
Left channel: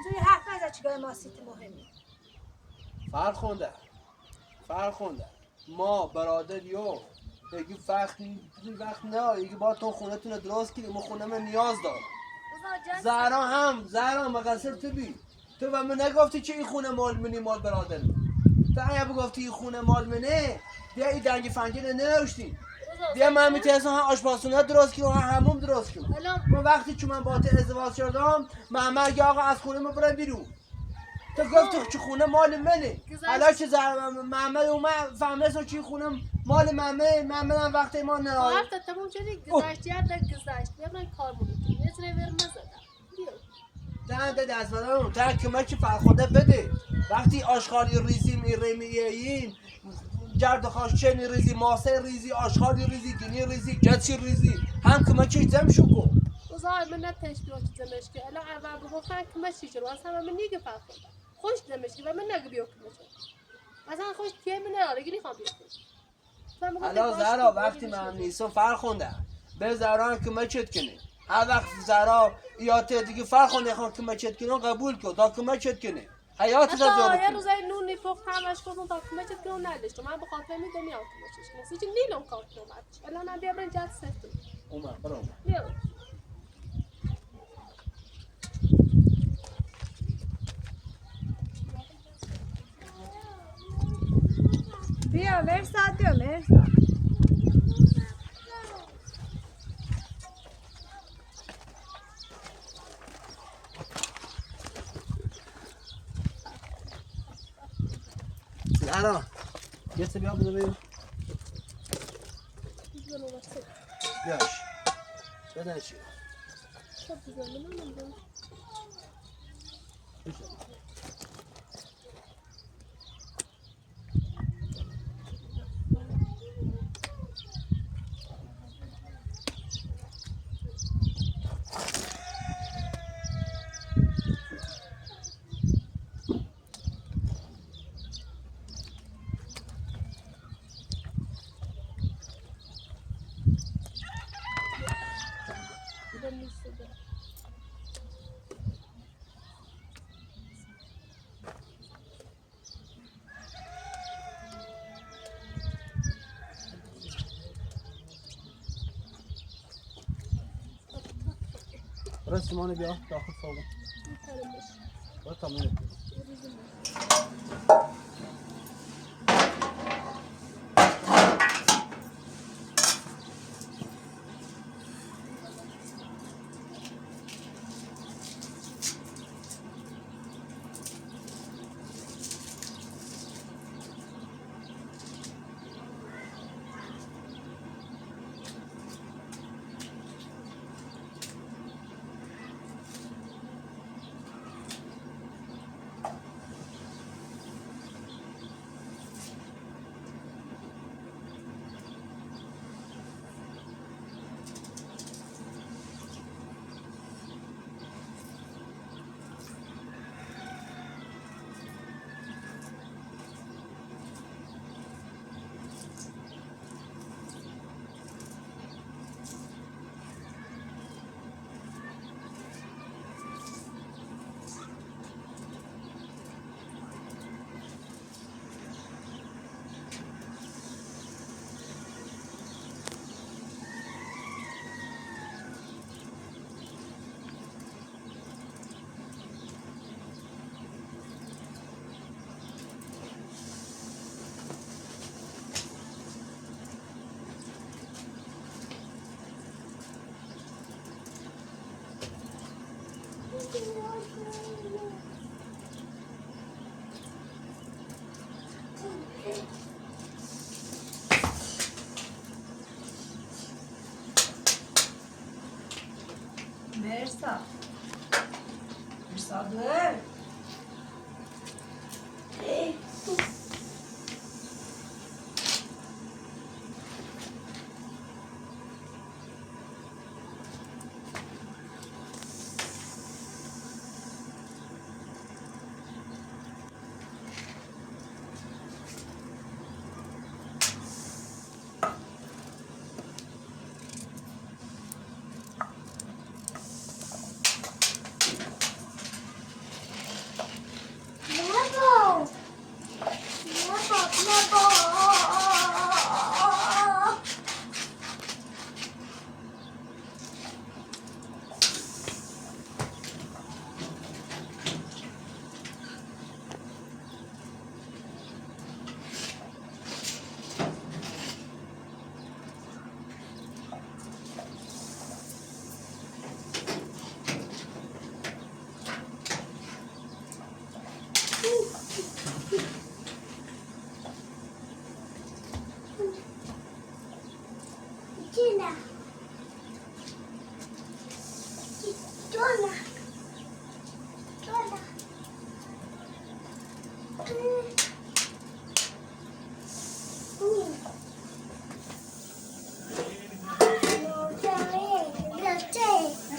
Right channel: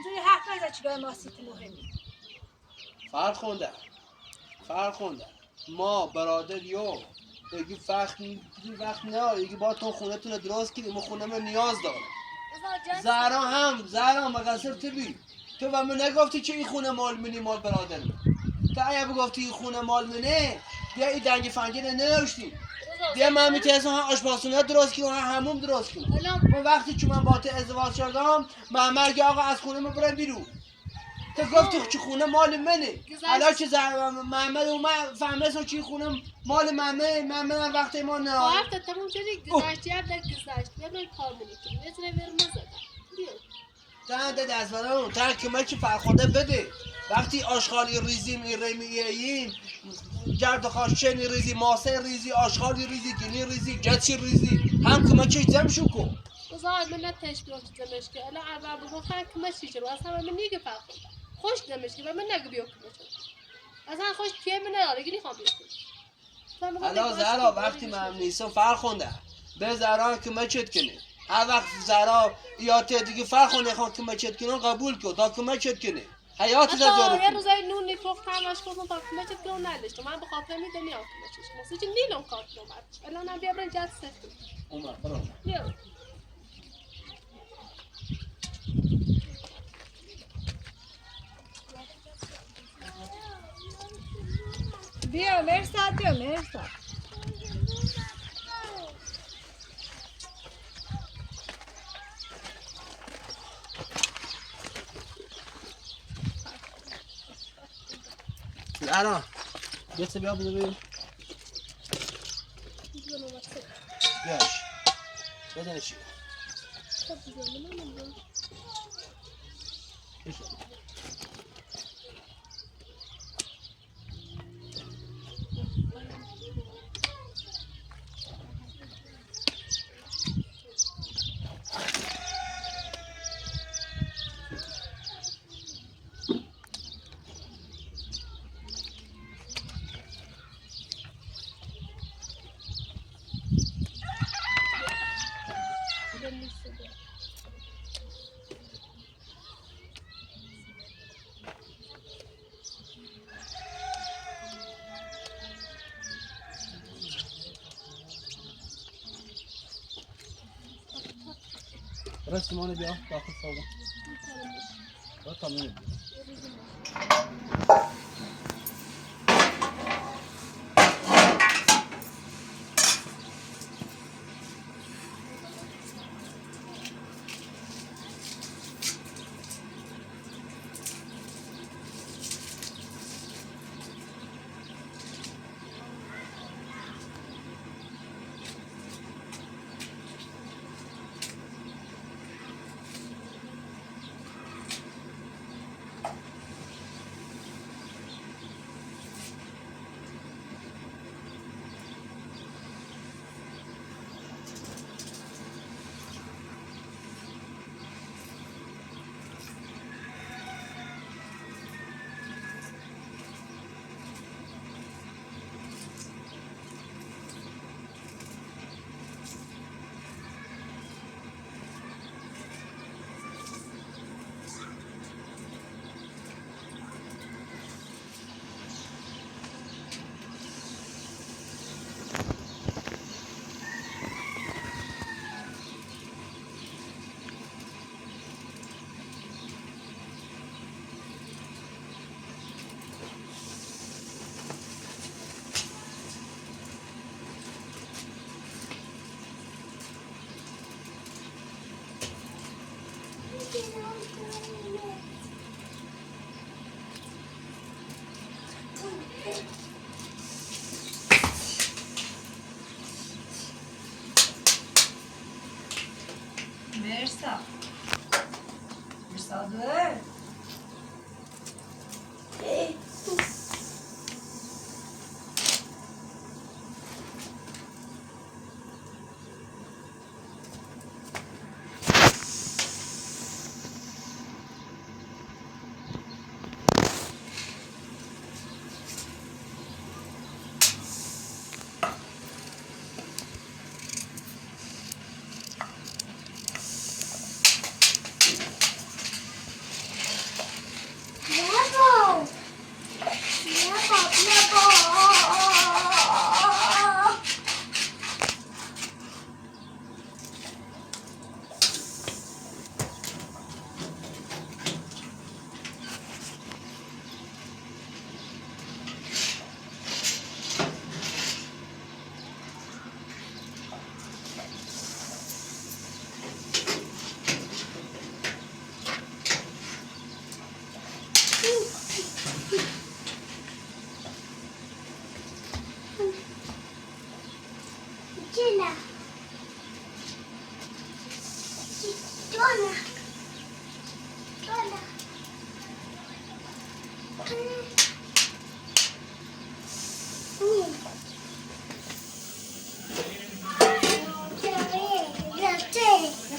جوی حرف نزد چگاه ما سیت مهمی فرخونده ما برادر یو یکی وقت نه یکی با تو خونه تونه درست کنیم ما خونه من نیاز دارم زهرا مقصر تو بی تو و من نگفتی که این خونه مال منی مال برادر من تو اگه بگفتی این خونه مال منه دیگه این دنگ فنجره ننوشتیم دیگه من میتونستم هم آشپزخونه درست کنم هم هموم درست کنم من وقتی که من با تو ازدواج کردم من مرگ آقا از خونه ما برم بیرون تو گفتی چه خونه مال منه گذشت. حالا که محمد اومد فهمید چی خونه مال محمد هم وقتی ما نه حرف تموم شدی گذشت یاد گذشت بیا کارمونی کنیم یه ذره ورمه زدم بیا دهنده دست بدن تا کمک فرخنده بده وقتی آشغالی ریزی میریم جرد خاشنی ریزی ماسه ریزی آشغالی ریزی گنی ریزی گچی ریزی هم کمک زم شو کن وزای من نتش بیاد زمش که الا اول بگو خان کمشی چه واسه من نیگه فرخنده خوش زمش که و من نگه بیو کمش اصلا خوش که من نه گیری خام بیو حالا زهرا وقتی من نیستم فرخنده به زهرا کمکت کنه هر وقت زهرا یا دیگه فرخنده خان کمکت کنه قبول کن تا کمکت کنه حیات حتی زهرا یه روزای نونی پخت همش کردم تا کمکت کنم نداشتم من به خاطر میدم یا کمکش مثلا چه نیلون کار کنم الا نه بیا برن جات سفت اومد برو بیا بیا مرساد بیا مرساد زهرا یه سه بیا بودو بیم بیاش بدن چی رسمانه بیا داخل فوق با تمام مرساد مرساد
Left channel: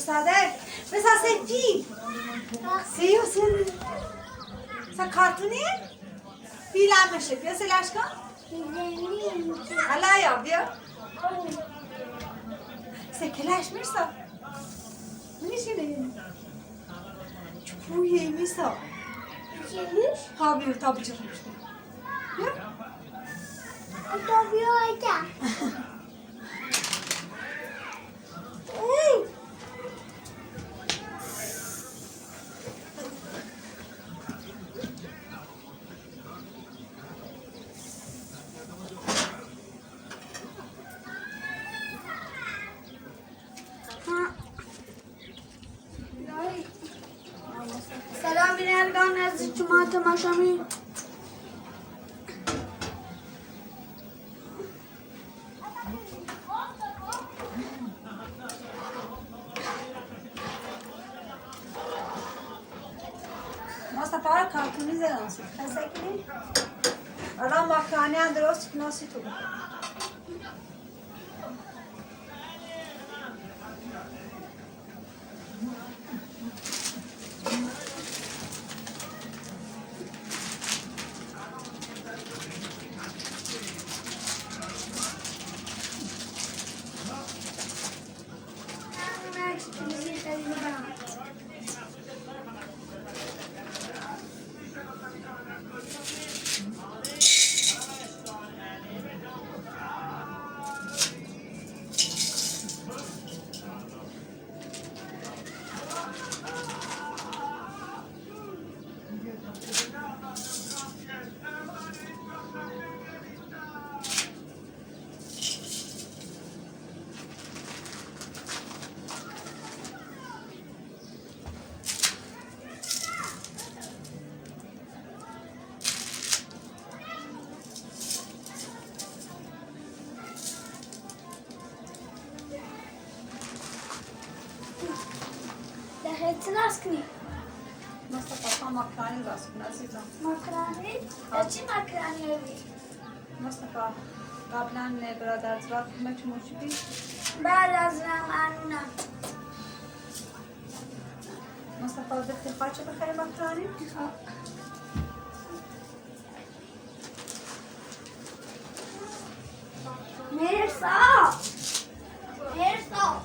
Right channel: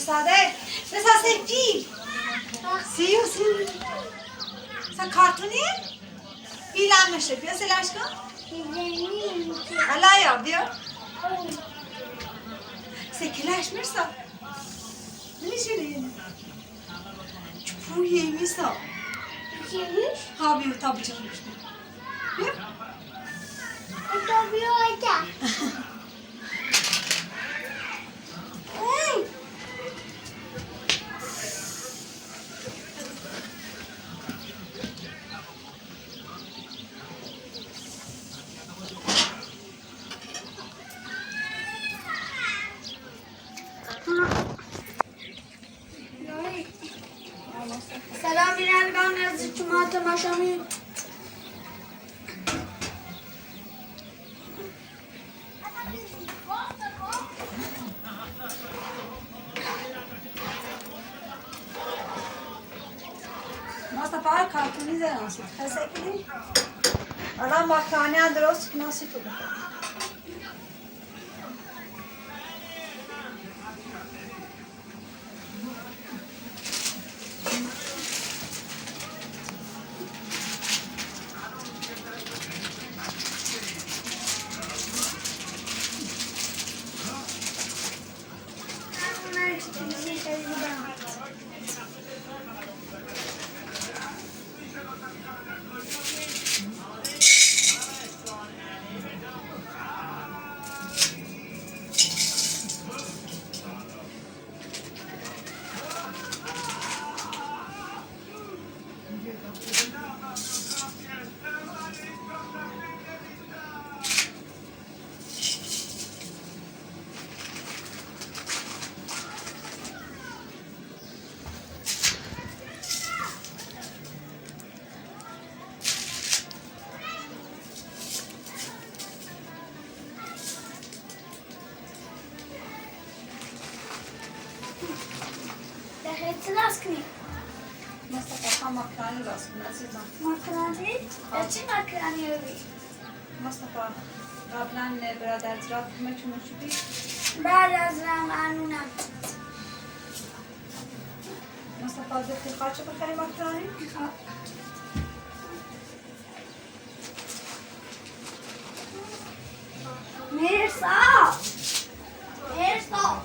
Müsaade. Müsaade ki. Siyorsun. Sen kartuni? Bilenmişim. Ya Selaşka? Allah yapıyor. Sekileşmişsin. Ne şöyle? Bu yemişsin. Yemiş? Tabii tabii çıkmış. Tabii öyle. سلام بینندگان از شما تماشا می مصطفی کارتونی زناسید. حسه کنی؟ الان مکانی هم درست کناسی تو بخور. بهت راست کنی مصطفی هم مکانی راست کن عزیزم. مکرانی؟ چی مکرانی رو بی؟ مصطفی قبلا برادرت را کمک موشبی بعد از رمانونم مصطفی بخیر خواهد چه بخری مکانی؟ مرسا مرسا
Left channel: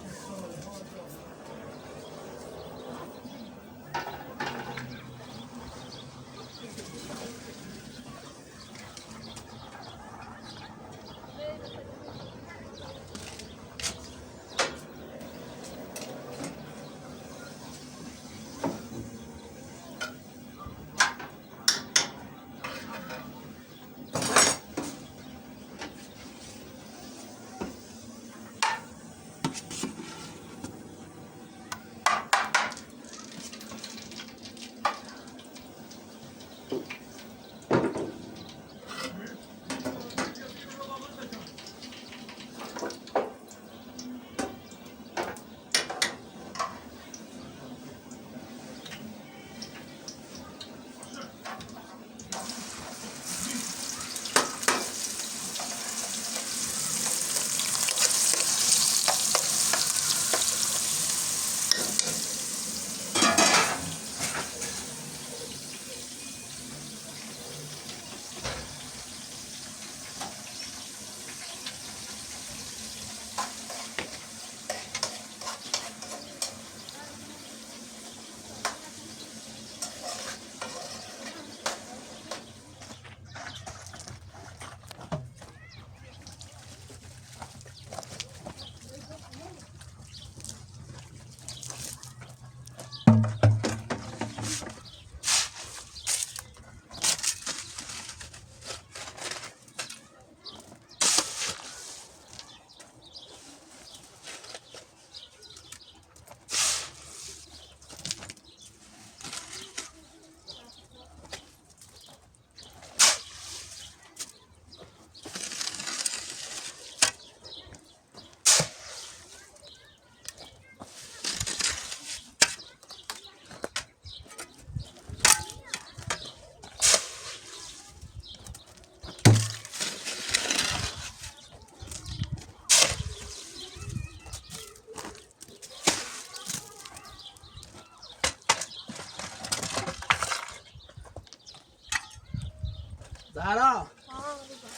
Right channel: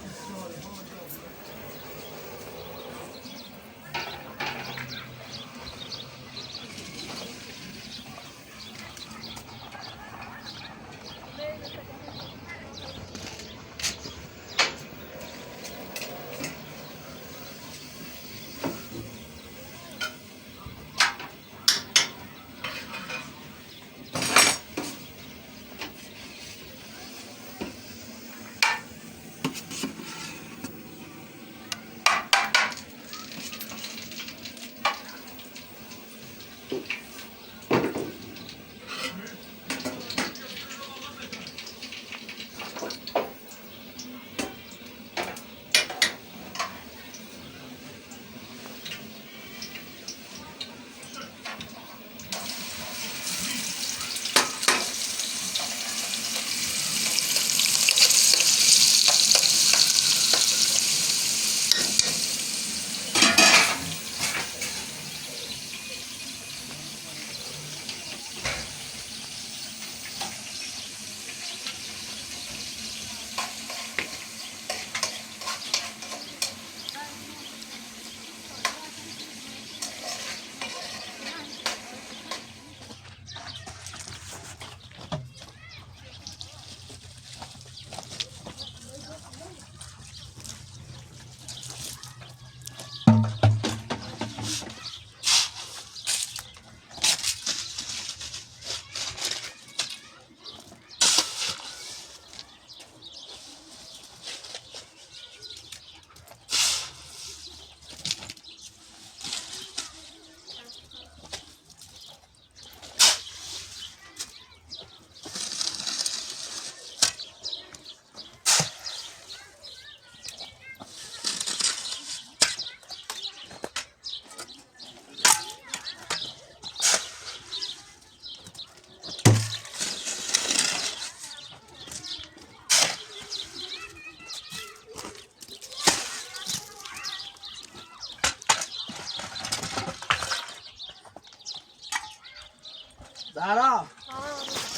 زهرا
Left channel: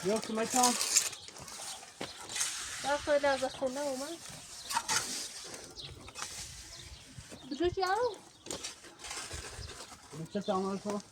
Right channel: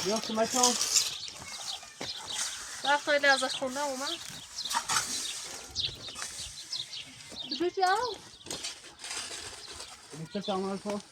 بیا کمکم. وقت خیلی از خونه اومد. بجوی جاو چه تعمل کن؟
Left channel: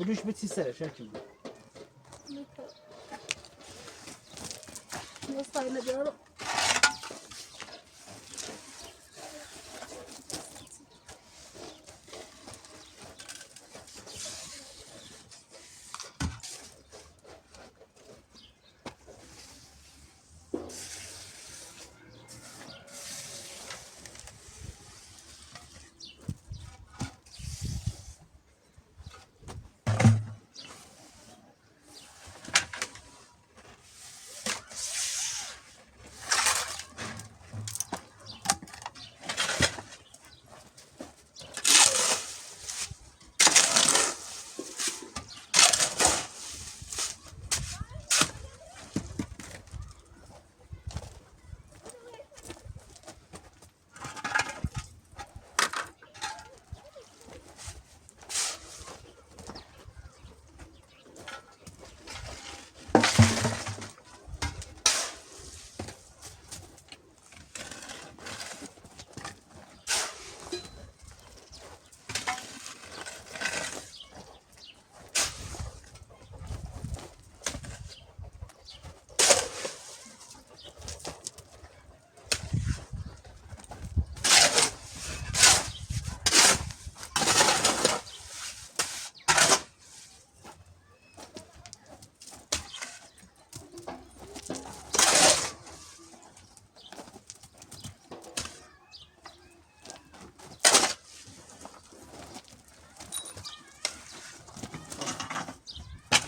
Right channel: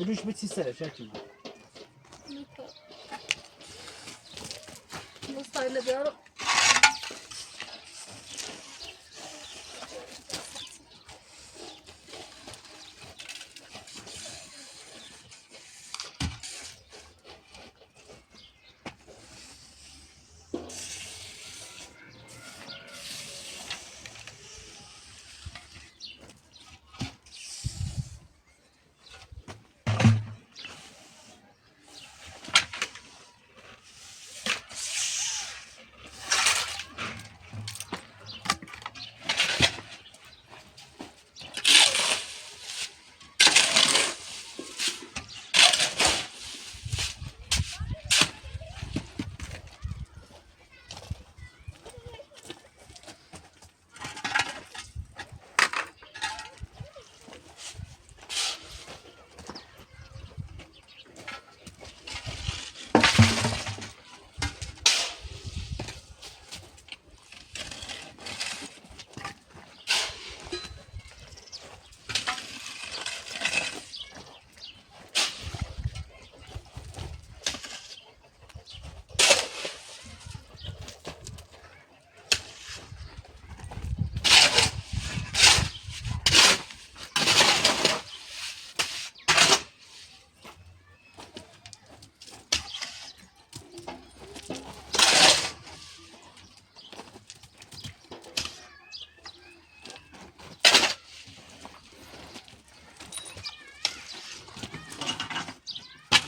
بروش بچی سرش چی من مستعد بیارم.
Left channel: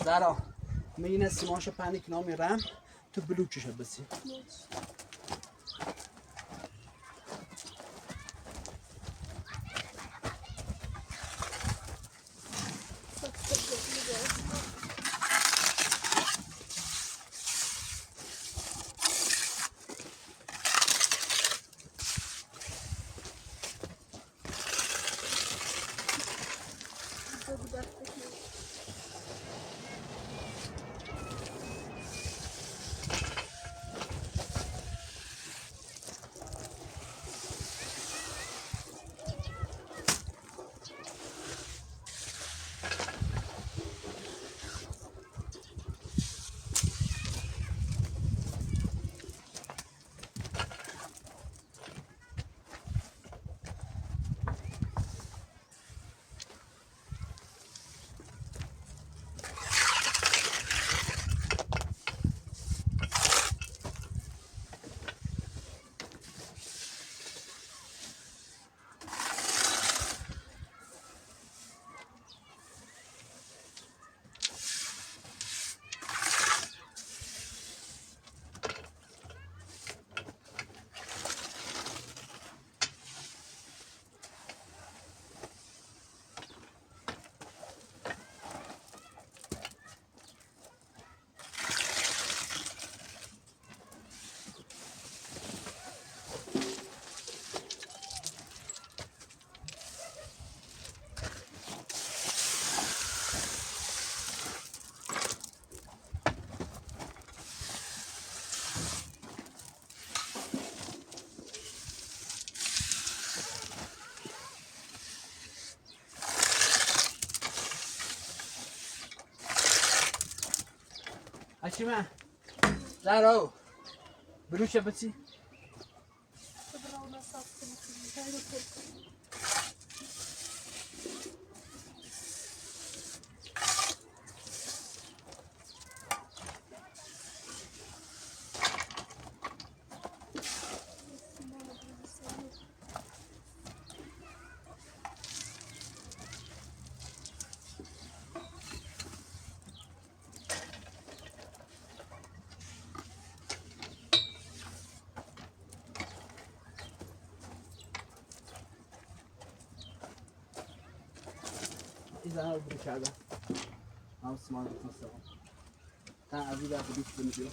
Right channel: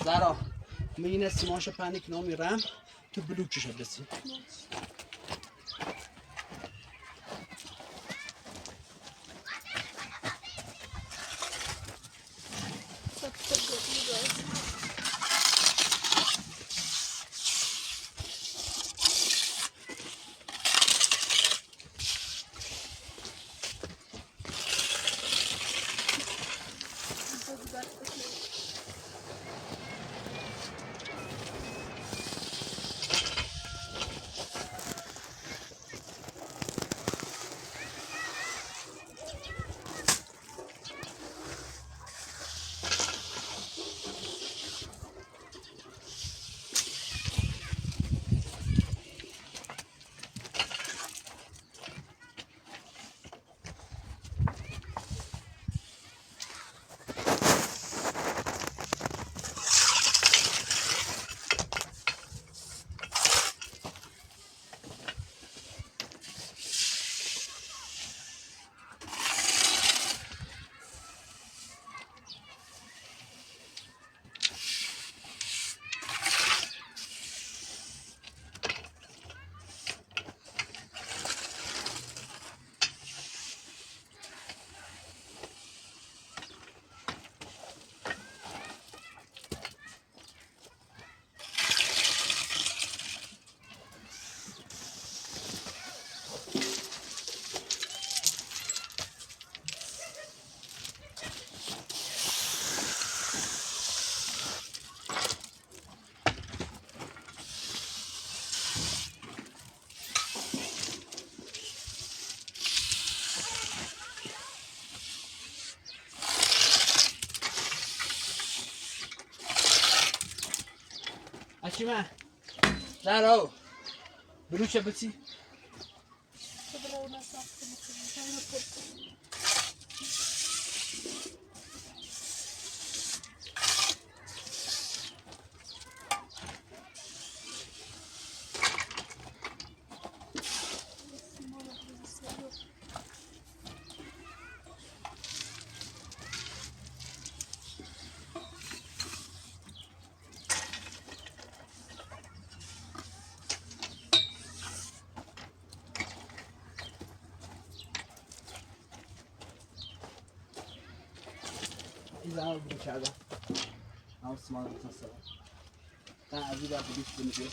زهرا میگین سیماش پنیک نامی رم تو بلوکش بسی. اشیمه زهرا بروش بسی. زنها رو کردم هم سمان بکن سلام تا عزیز را بودیش بنیده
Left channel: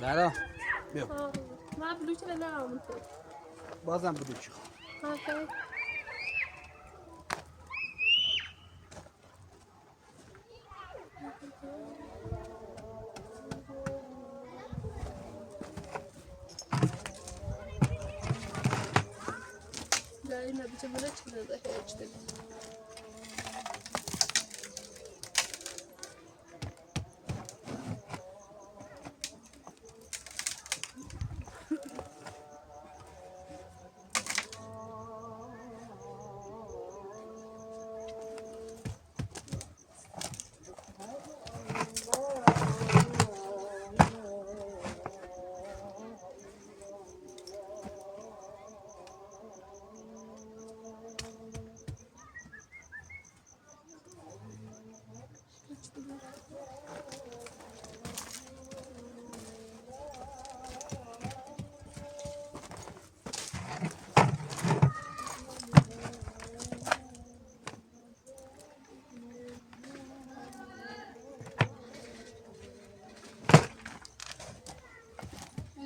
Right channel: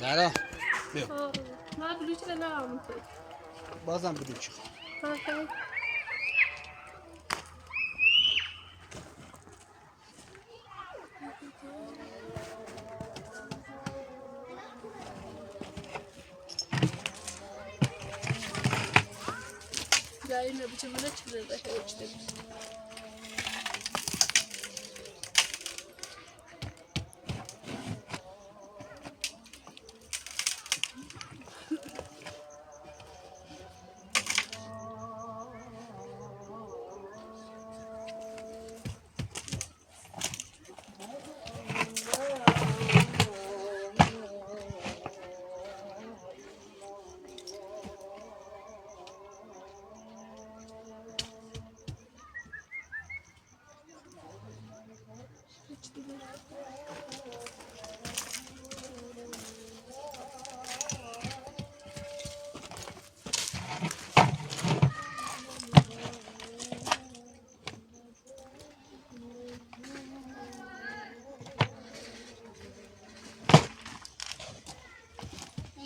زهرا بیا نه بلوچ نه آمده بازم بلوچ خواهم اینه بچه منه چیزه داشته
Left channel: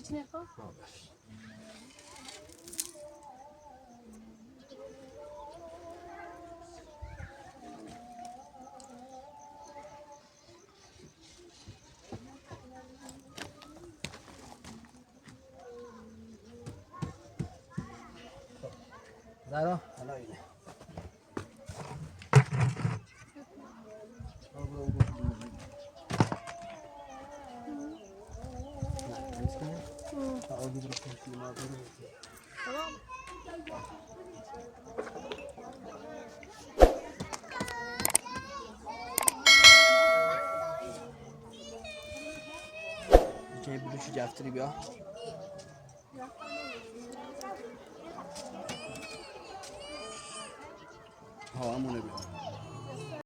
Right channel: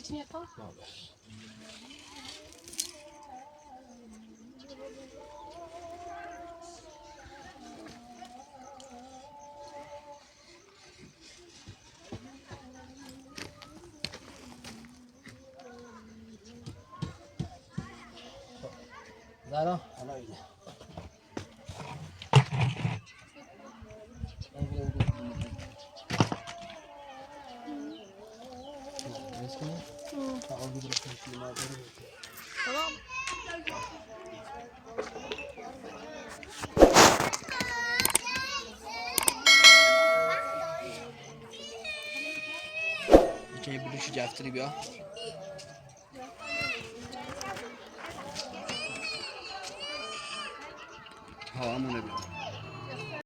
میتونی پا؟ زارا حالا اینه میتونی بلوشی جفتری بیا ها همونه بیا